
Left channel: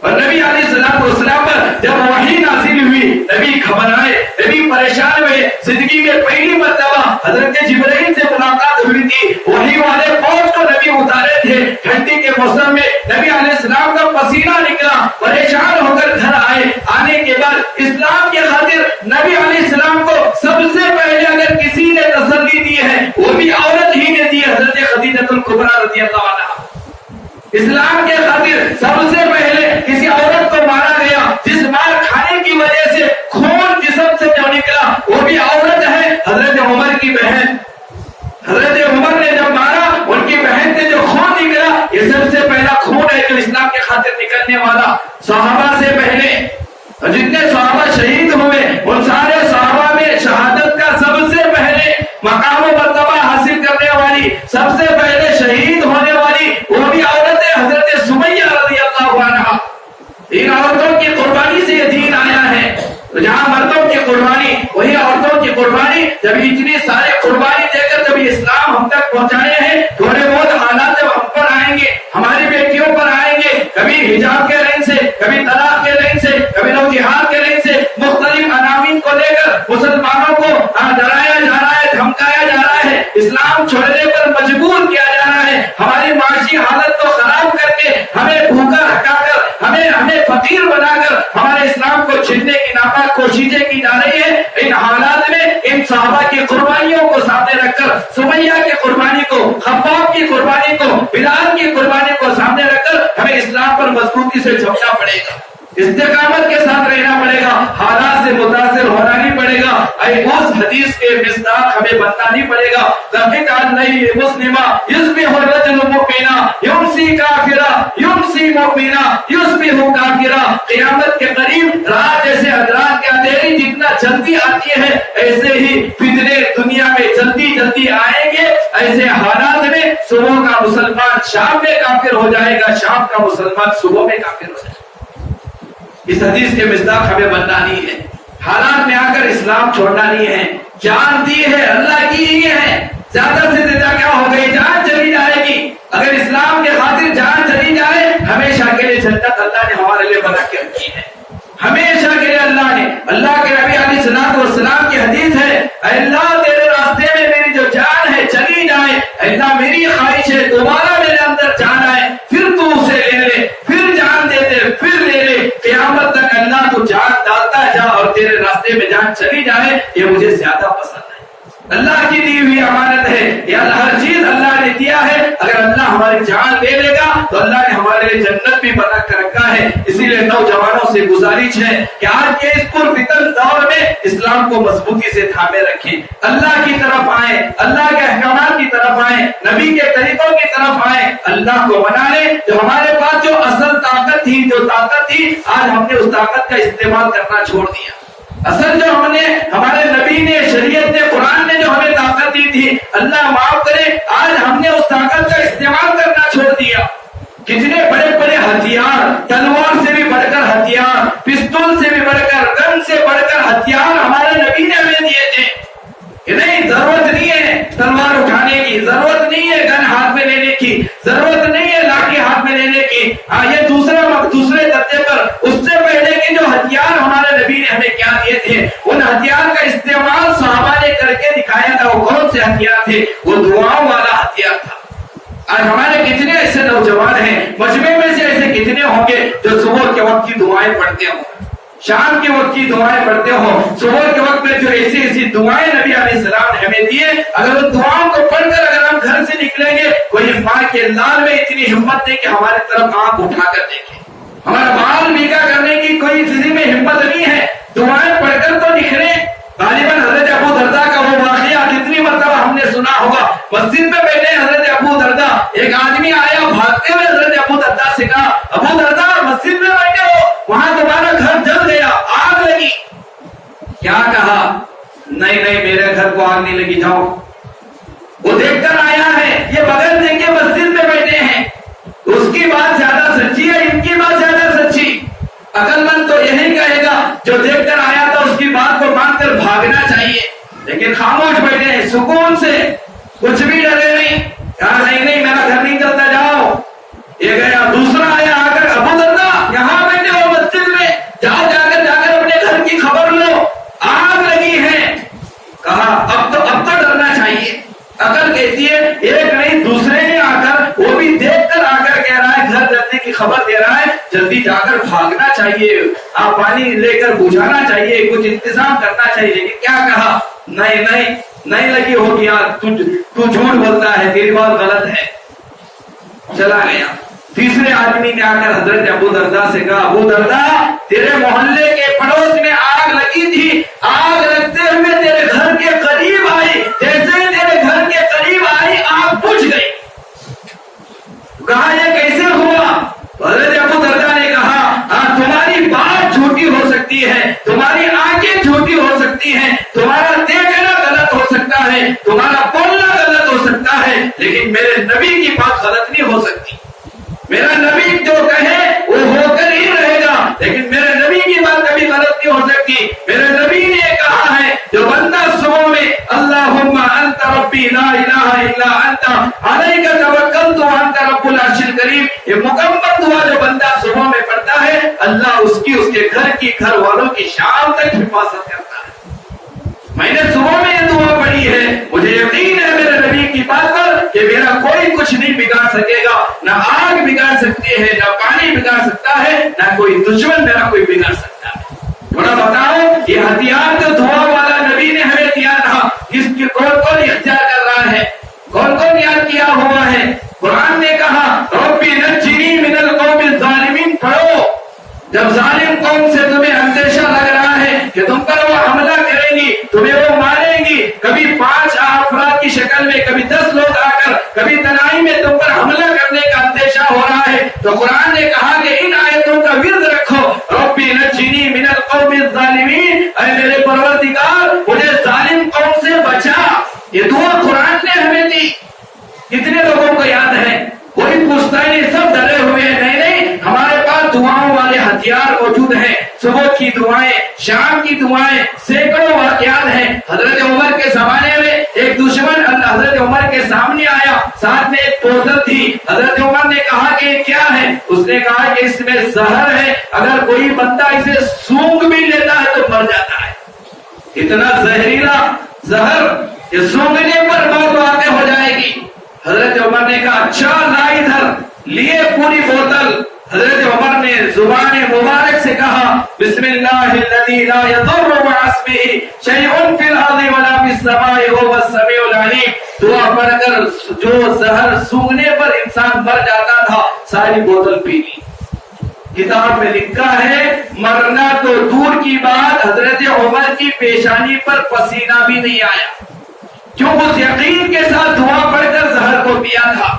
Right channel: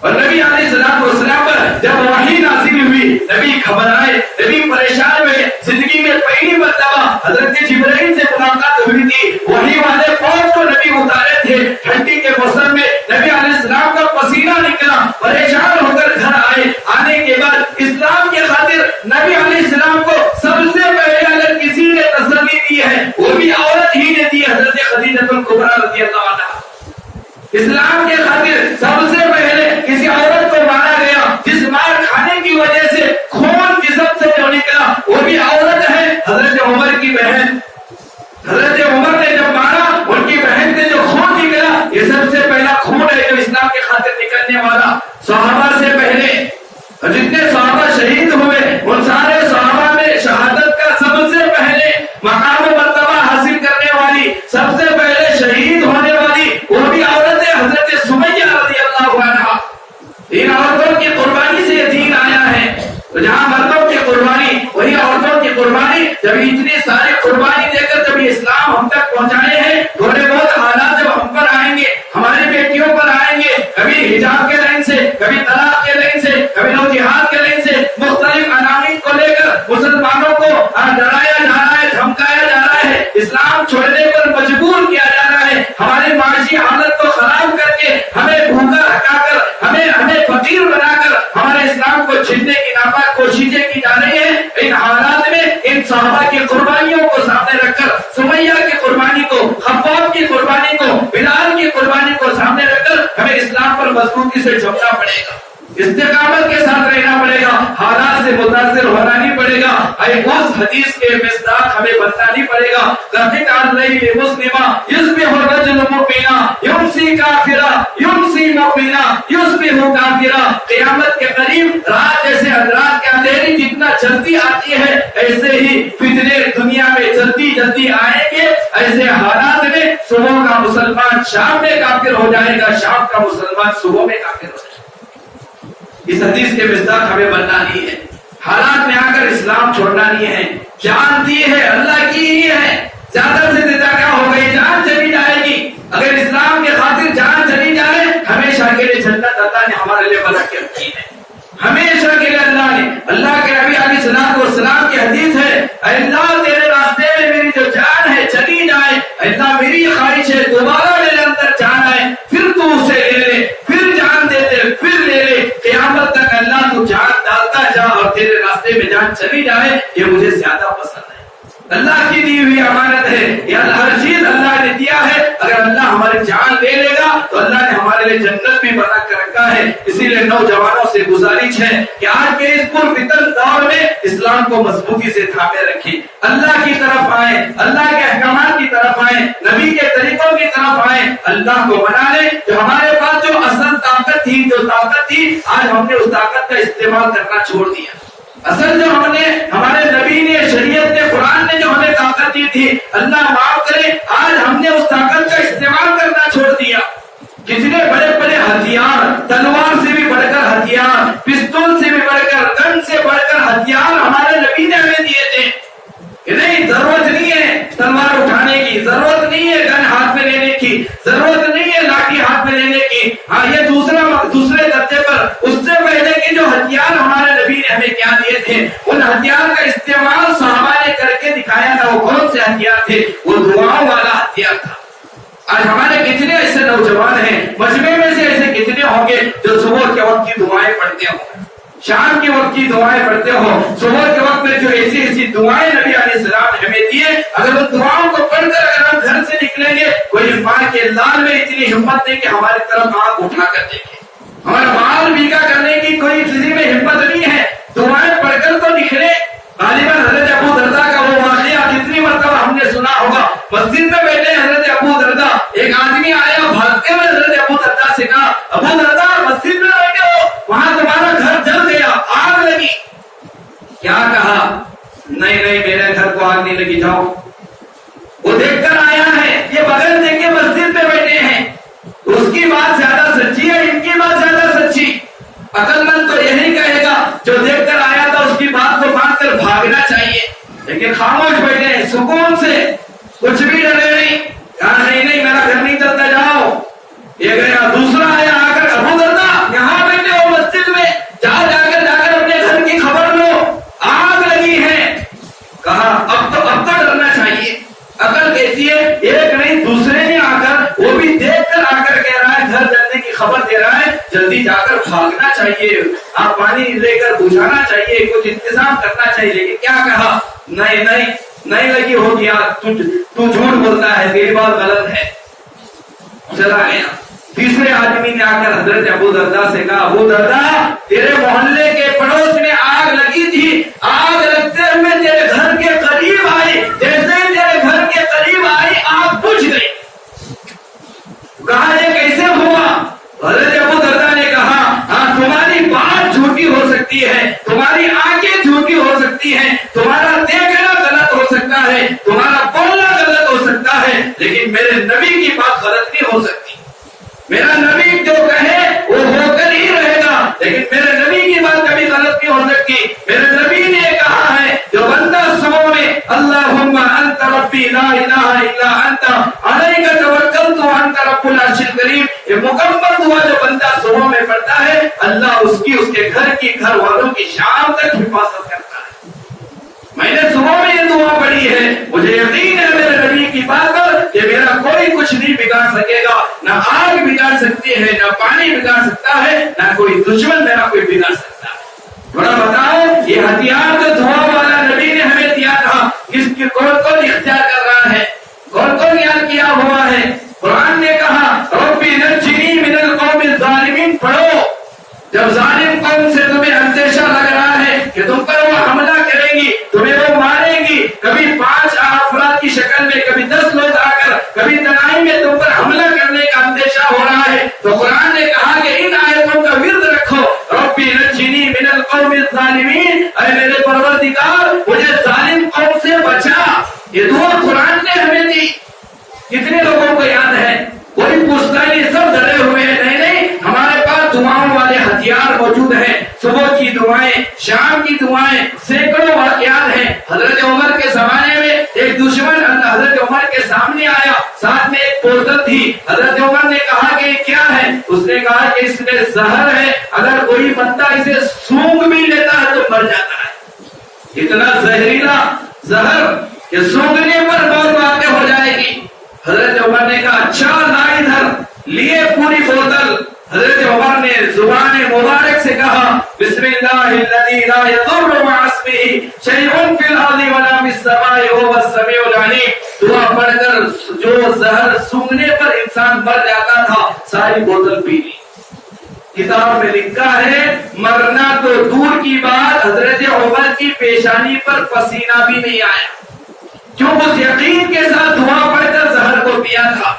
اور نبی علیہ السلام پر جب وحی نازل ہوئی, نبی گھبرائے, نبی پریشان ہوئے. زندگی میں پہلی مرتبہ حضرت جبرائیل سے ملاقات ہوئی تھی. وحی والے فوج کو نبی اتارے تھے ٹھنڈی کے موسم میں. نبی علیہ السلام کا پسینہ نکلا, پریشان ہو کر گھر آئے. آنے کے بعد اسلام کی خاطر نبی علیہ السلام کو سب سے پہلے اگر کسی نے تسلی دی ہے وہ بھی عورت ہی نے دی, حضرت خدیجہ الکبریٰ رضی اللہ عنہا. اسلام کے خاطر سب سے پہلے کسی عورت کو مارا گیا, جس مار کھانے کی وجہ سے خون جسم سے جو نکلا وہ بھی عورت ہے, حضرت عمر کی بہن. حضرت عمر نے جب مارا, ان کی بہن سے جو خون نکلا, یہ سب سے پہلا خون ہے جو اسلام کے خاطر نکلنے والا. صحابہ سے پہلے جتنے صحابہ شہید ہوئے, ان سارے صحابہ میں شہادت کا سب سے پہلے مقام و مرتبہ حاصل کرنے والی, سب سے پہلے شہید ہونے والی وہ بھی عورت ہے, حضرت سمیہ رضی اللہ عنہا. ان عورتوں کی قربانی سے یہ دین آیا ہے. تو جہاں مردوں کی قربانی وہی عورتوں کی قربانی. جب اتنی ساری قربانی دے کر جب اسلام ہم تک پہنچائے ہیں, تھوڑے بہت حالات جب ہم پر آئیں گے, ہماری بیٹیوں پر آئیں گے, کبھی حجاب کے لائن سے, کبھی طلاق کے لائن سے, کبھی لو جہاد کے لائن سے, مختلف عناوین کو لے کر مسلمانوں کو ڈرایا جا رہا ہے, دھمکایا جا رہا ہے, اسلام چھوڑنے پر مجبور کیا جا رہا ہے. ہماری معاشی حالت کو خراب کر کے, ہمیں بھوکا ہٹا کر, ہمیں فقیر بنا کر ہمارے اسلام کو چھیننے کی ناپاک کوششیں کی جا رہی ہیں. ان حالات میں ان صحابہ کی قربانیوں کو سامنے رکھ کر, سمیہ کی قربانی کو, خباب کی قربانی کو, بلال کی قربانی کو سامنے رکھ کر ہمیں اسلام پر مضبوطی سے جھکنا پڑے گا, استقامت کے ساتھ رہنا پڑے گا, حالات سے متاثر ہونا نہیں پڑے گا. اس حدیث کے مصداق ہمیں بننا نہیں پڑے گا. لقد علیہ مسلمہ یصبح الرجل مؤمنا یمسی کافرا یمسی مؤمنا یصبح کافرا. قیامت کے قریب رات جیسے رات کے اندھیری جتنا جلدی آتی ہے, ایسے ہی فتنے دنیا میں جلدی جلدی آئیں گے. ایسے حالات میں صبح کا مسلمان شام میں کافر ہو جائے گا, شام کا مسلمان صبح میں کافر ہو جائے گا. اس حدیث کے مصداق ہمیں بننا نہیں ہے. حالات میں آ کر اسلام چھوڑنا نہیں ہے. جان دی ہے اللہ کی ہی ہے, زیادہ سے زیادہ کیا ہو گئی, جان چلی جائے گی. اگر اسلام کے خاطر جان چلی جائے, ہمیشہ کے لیے جنت اللہ نے ہمارے لیے بنا کے رکھی ہے, ہمیشہ کے لیے حدیث ہے، اے اللہ تیرے راستے میں میری جو جان ہے چلی جائے، اے اللہ میری خواہش ہے دوبارہ میرے اندر جان آئے، پھر تو اسے لے لے، پھر جان دے دے، پھر لے لے، قیامت تک اللہ تو جان ڈالتا جا اور تیرے راستے میں جان چلی جائے، یہ مجھے زیادہ پسند ہے۔ اللہ کی دی ہوئی امانت ہے، یہ ہر چیز اللہ نے دیا ہے، اگر اللہ ہماری جان لے لے گا تو اللہ نے ہمارے لیے جنت بھی بنا کر رکھا ہے۔ اسی لیے نوجوانوں سے گزارش ہے کہ آج کے اس پرفتن دور میں اسلام کو مضبوطی سے تھامے رکھیں، اللہ کی طرف آئیں، اللہ کے احکامات کی طرف آئیں، نبی کے طریقوں کی طرف آئیں، اللہ کو منا لیں۔ جو ہمارے پاس جو اصل طاقت تھی، جو طاقت تھی، آج ہم نے اس طاقت کا استعمال کرنا چھوڑ دیا۔ اصل جو ہم نے، ہمارے نبی نے، شریعت نے، قرآن نے جو ہمیں طاقت دی تھی، اللہ معاف کرے، آج ہم نے اس طاقت کا استعمال کرنا چھوڑ دیا۔ کتنے بڑے بڑے ہتھیار، تلوار سے بھی بڑھ کر ہتھیار، پستول سے بھی بڑھ کر، گن سے بڑھ کر ہتھیار ہمارے نبی نے ہمیں دیے تھے کہ نہیں، ضرورت نہیں ہے تلوار اٹھانے کی، ضرورت نہیں ہے گن ہاتھ میں لینے کی، ضرورت نہیں ہے لاٹھی ہاتھ میں لینے کی۔ ہاں یہ دوسرے درجے پر، اس سے پہلے کے جو ہتھیار ہمارے نبی نے ہمیں کیا دیے تھے، ان ہتھیار کا استعمال صحابہ نے کر کے دکھایا تھا۔ وہ کون سے ہتھیار تھے؟ وہ دعاؤں والا ہتھیار تھا۔ آج ہمارے کتنے ایسے نوجوان ہیں، مجمع میں سے ایسے کتنے ہوں گے جو صبح کے وقت کی دعائیں پڑھتے ہوں، شام کے وقت کی دعائیں پڑھتے ہو، صبح کے وقت میں جو ایسی ایسی دعائیں نبی علیہ السلام نے ہمیں دی ہیں، اگر ان دعاؤں کو پڑھ کر اگر ہم گھر سے نکلیں گے، کوئی ماں کے لال میں اتنی ہمت نہیں کہ ہماری طرف آنکھ اٹھا کر دیکھے، ہمارا بال بھیگا کرنے کی کوئی کسی میں ہمت نہیں ہے۔ دعائیں پڑھ کر تو نکلے۔ غالباً حضرت ابو درداء کا وہ واقعہ جتنی مرتبہ ہم نے سنا ہوگا، مسجد میں بیٹھے حضرت ابو درداء، ایک آدمی آیا بھاگتے ہوئے حضرت ابو درداء سے کہا، ابو درداء مسجد میں بیٹھے ہو، وہاں تمہارا گھر جل گیا، آگ لگی۔ کیا کہا؟ نہیں نہیں میرے گھر کو آگ نہیں لگی، جاؤ۔ وہ دیکھ کر آیا ہے، یہ بغیر دیکھے مسجد میں بیٹھے ہیں، اس کی بات زیادہ سچی ہے، ان کی بات زیادہ سچی؟ عقل مند تو یہی کہے گا جو دیکھ کر آیا تھا اس کی بات کو مان کر بھاگنا چاہیے، لیکن خاموش بیٹھے ہیں سکون سے، کچھ بھی ڈرے نہیں، کہا نہیں نہیں میرا گھر نہیں چلتا، جاؤ۔ یہ گیا، دوسرا آیا، آ کر ابو درداء یہاں بیٹھے ہو مسجد میں، جا کر اپنے گھر کی خبر لو، آگ لگی ہے۔ کہا اب تو ڈرنا چاہیے۔ عقل کہتی ہے ایک نہیں دوسرے نے آ کر، وہ بھی دیکھ کر آ کر کہہ رہا ہے، گھر جلنے کی خبر دے رہا ہے، جلدی جا کر بھاگنا چاہیے، آپ پانی لے کر بجھانا چاہیے، کچھ انتظام کرنا چاہیے۔ لیکن کیا کہا؟ نہیں لگی ہوگی آگ، تو جھوٹ بولتا ہے، تیری بات غلط ہے، چلا گیا۔ تیسرے آدمی نے آ کر حضرت ابو درداء سے کہا، ابو درداء تیرے محلے کے پڑوس میں آگ لگی تھی، آگ لگتے ہوئے تیرے گھر کے قریب آئی، جیسے ہی تیرے گھر کے قریب آئی آگ بجھ گئی۔ کہا یہ کیسے ہوا؟ حضرت ابو درداء نے کہا، ہاں تمہاری بات جھوٹی ہو سکتی ہے، تمہاری آنکھیں جھوٹی ہو سکتی ہیں، تمہارا دیکھنا غلط ہو سکتا ہے، تمہارا بولنا غلط ہو سکتا ہے، لیکن میرے نبی کی بات غلط نہیں ہو سکتی۔ میرا نبی جو کہے وہ ہو کر ہی رہے گا، لیکن میرے نبی کی بات کبھی غلط نہیں ہو سکتی۔ میرے نبی نے کہا ہے جو بندہ صبح میں اللہم انت ربی لا الہ الا انت علیک توکلت وانت رب العرش الکریم، یہ مکمل دعا جو بندہ صبح میں پڑھتا ہے، اللہ اس کے گھر کی، گھر والوں کی شام تک حفاظت کرتا ہے۔ میں نے صبح میں یہ دعا پڑھی ہے، مجھے یقین ہے میرے نبی کی بات پر کہ میرا کوئی کچھ نہیں بگاڑ سکے گا، نہ آگ بگاڑ سکتی ہے، نہ پانی بگاڑ سکتا ہے، نہ کوئی دشمن میرا کوئی بگاڑ سکتا ہے۔ تھوڑا بتاؤ یہ ہتھیار جو دعا والا نبی نے ہمیں دیا تھا، کس کی کون اختیار کر رہا ہے، کون یاد کیا ہوا ہے؟ قرآن نے کہا ربی نجنی من القوم الظالمین، پڑھو جب ظالم قوم سے تمہیں اندیشہ لگ رہا ہے کہ تم پر وہ حملہ کریں گی، تمہیں وہ ماریں گی، کبھی 5 افراد کی شکل میں، کبھی 10 لوگ آ کر، کبھی تنہائی میں تم پر حملہ کرنے کا اندیشہ ہو رہا ہے، تو قرآن نے کہا کہ ان آیتوں کا ورد رکھو، ربی نجنی من القوم الظالمین، اے میرے پروردگار مجھے ظالم قوم سے بچا۔ یہ دعا قرآن نے ہمیں دی۔ کتنے لوگوں کو یاد ہے؟ کوئی پوچھتا نہیں، سب ڈرے ہوئے ہیں۔ نہیں، ہمارے پاس دعاؤں والے ہتھیار موجود ہیں، صبح کی دعائیں، شام کی دعائیں، سینکڑوں واقعات ہیں۔ حضرت عمر کے زمانے میں ایک دشمن حضرت عمر کے سامنے آیا، ساتھ میں ایک بوتل تھی، حضرت عمر نے کہا کہ یہ کیا ہے؟ اس نے کہا کہ اس میں زہر ہے، اگر کوئی بندہ اسے سونگھ بھی لیتا ہے تو مر جاتا ہے۔ اتنا زہریلا زہر کہ سونگنے پر موت واقع ہو جائے گی. حضرت عمر نے کہا اچھا لا ادھر, لیے پوری بوتل. حضرت عمر نے زبان مبارک سے کہا بسم اللہ الذی لا یضر مع اسمہ شیء فی الارض ولا فی السماء وهو السمیع العلیم. دعا پڑھ کر جو زہر سونگنے پر انسان مر جاتا تھا ساری بوتل پی لی. کتاب میں لکھا ہے مرنا تو دور کی بات, حضرت عمر کی پیشانی پر پسینہ بھی نہیں آیا, کیوں اس یقین کے ساتھ دعا پڑھ کر زہر کو پیا تھا.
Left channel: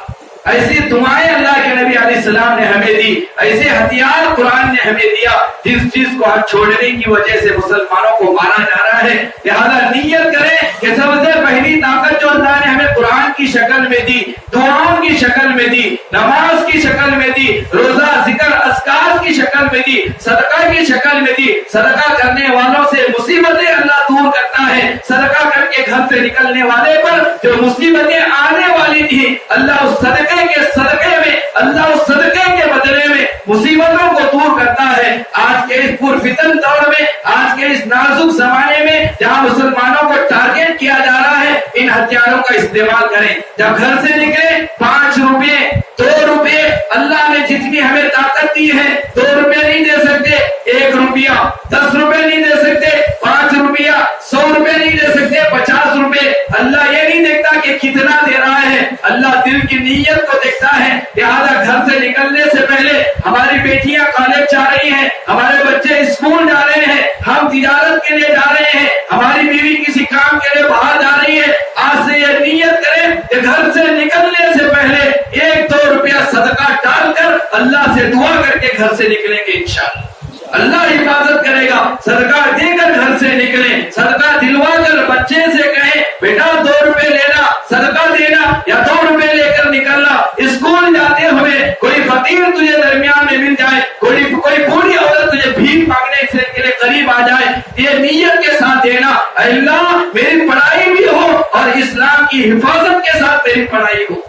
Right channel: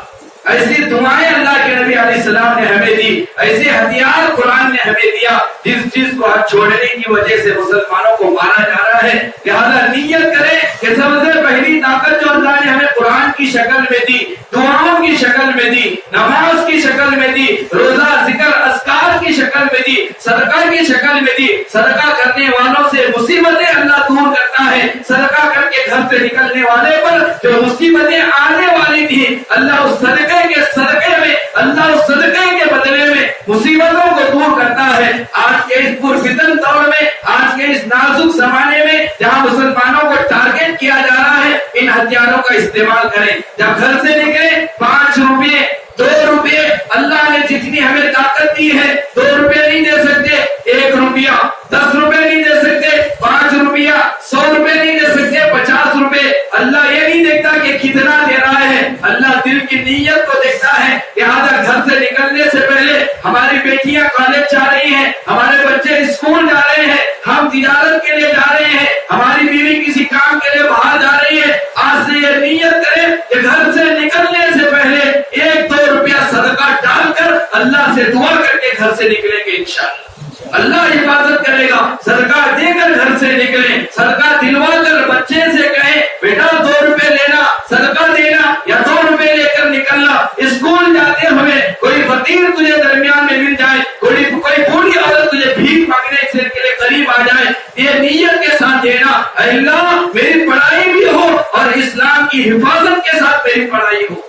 ایسی دعائیں اللہ کے نبی علیہ السلام نے ہمیں دی, ایسے ہتھیار قرآن نے ہمیں دیا جس چیز کو ہاتھ چھوڑنے کی وجہ سے مسلمانوں کو مارا جا رہا ہے. لہذا نیت کریں کہ سب سے پہلی طاقت جو اللہ نے ہمیں قرآن کی شکل میں دی, دعاؤں کی شکل میں دی, نماز کی شکل میں دی, روزہ ذکر اذکار کی شکل میں دی, صدقہ کی شکل میں دی. صدقہ کرنے والوں سے مصیبتیں اللہ دور کرتا ہے. صدقہ کر کے گھر سے نکلنے والے پر جو مصیبتیں آنے والی تھی اللہ اس صدقے کے صدقے میں, اللہ اس صدقے کے بدلے میں مصیبتوں کو دور کرتا ہے. آج کے اس پرفتن دور میں, آج کے اس نازک زمانے میں جہاں مسلمانوں کو ٹارگٹ کیا جا رہا ہے, ان ہتھیاروں کا استعمال کریں. جب گھر سے نکلے 5 روپے 2 روپے, اللہ نے جتنی ہمیں طاقت دی ہے 2 روپے نہیں دے سکتے, 1 روپیہ 10 روپے نہیں دے سکتے, 5 روپیہ 100 روپے نہیں دے سکتے, 50 روپے. اللہ یہ نہیں دیکھتا کہ کتنا دے رہا ہے, اللہ دل کی نیت کو دیکھتا ہے. لہٰذا گھر سے نکلنے سے پہلے ہماری بیٹیاں کالج جا رہی ہیں, ہمارے بچے اسکول جا رہے ہیں, ہم تجارت کے لیے جا رہے ہیں, ہماری بیوی کسی کام کے لیے باہر جا رہی ہے. آج سے یہ نیت کریں کہ گھر سے نکلنے سے پہلے 1-2 روپیہ صدقہ ڈال کر اللہ سے دعا کر کے گھر سے نکلیں گے. انشاءاللہ اللہ حفاظت کرے گا. صدقہ دے کر گھر سے نکلیں, صدقہ دلوا کر بچے سے کہیں بیٹا 2 روپے لینا, صدقہ دینا, یا 2 روپے لے کر نکلنا. اسکول جاتے ہوئے کوئی فقیر تجھے درمیان میں مل جائے, کوئی بوڑھی عورت تجھے بھیک مانگنے کے لیے قریب آ جائے, یہ نیت کے ساتھ دینا اللہ میری پڑھائی بھی ہو اور اسلام کی حفاظت کے ساتھ میری پڑھائی ہو,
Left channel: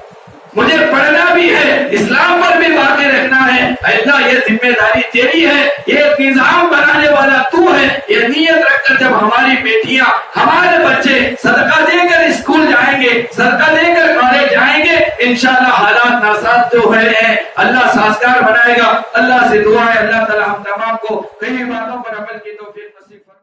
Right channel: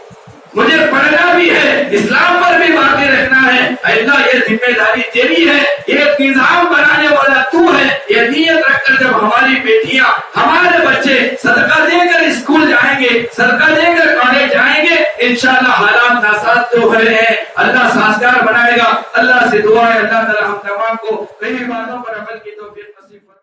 مجھے پڑھنا بھی ہے, اسلام پر بھی واقع رہنا ہے. اللہ یہ ذمہ داری تیری ہے, یہ نظام بنانے والا تو ہے. یہ نیت رکھ کر جب ہماری بیٹیاں ہمارے بچے صدقہ دے کر اسکول جائیں گے, صدقہ دے کر کالج جائیں گے, انشاءاللہ حالات ناساز تو ہے, اللہ سازگار بنائے گا. اللہ سے دعا ہے اللہ تعالی ہم تمام کو کئی باتوں پر عمل کی توفیق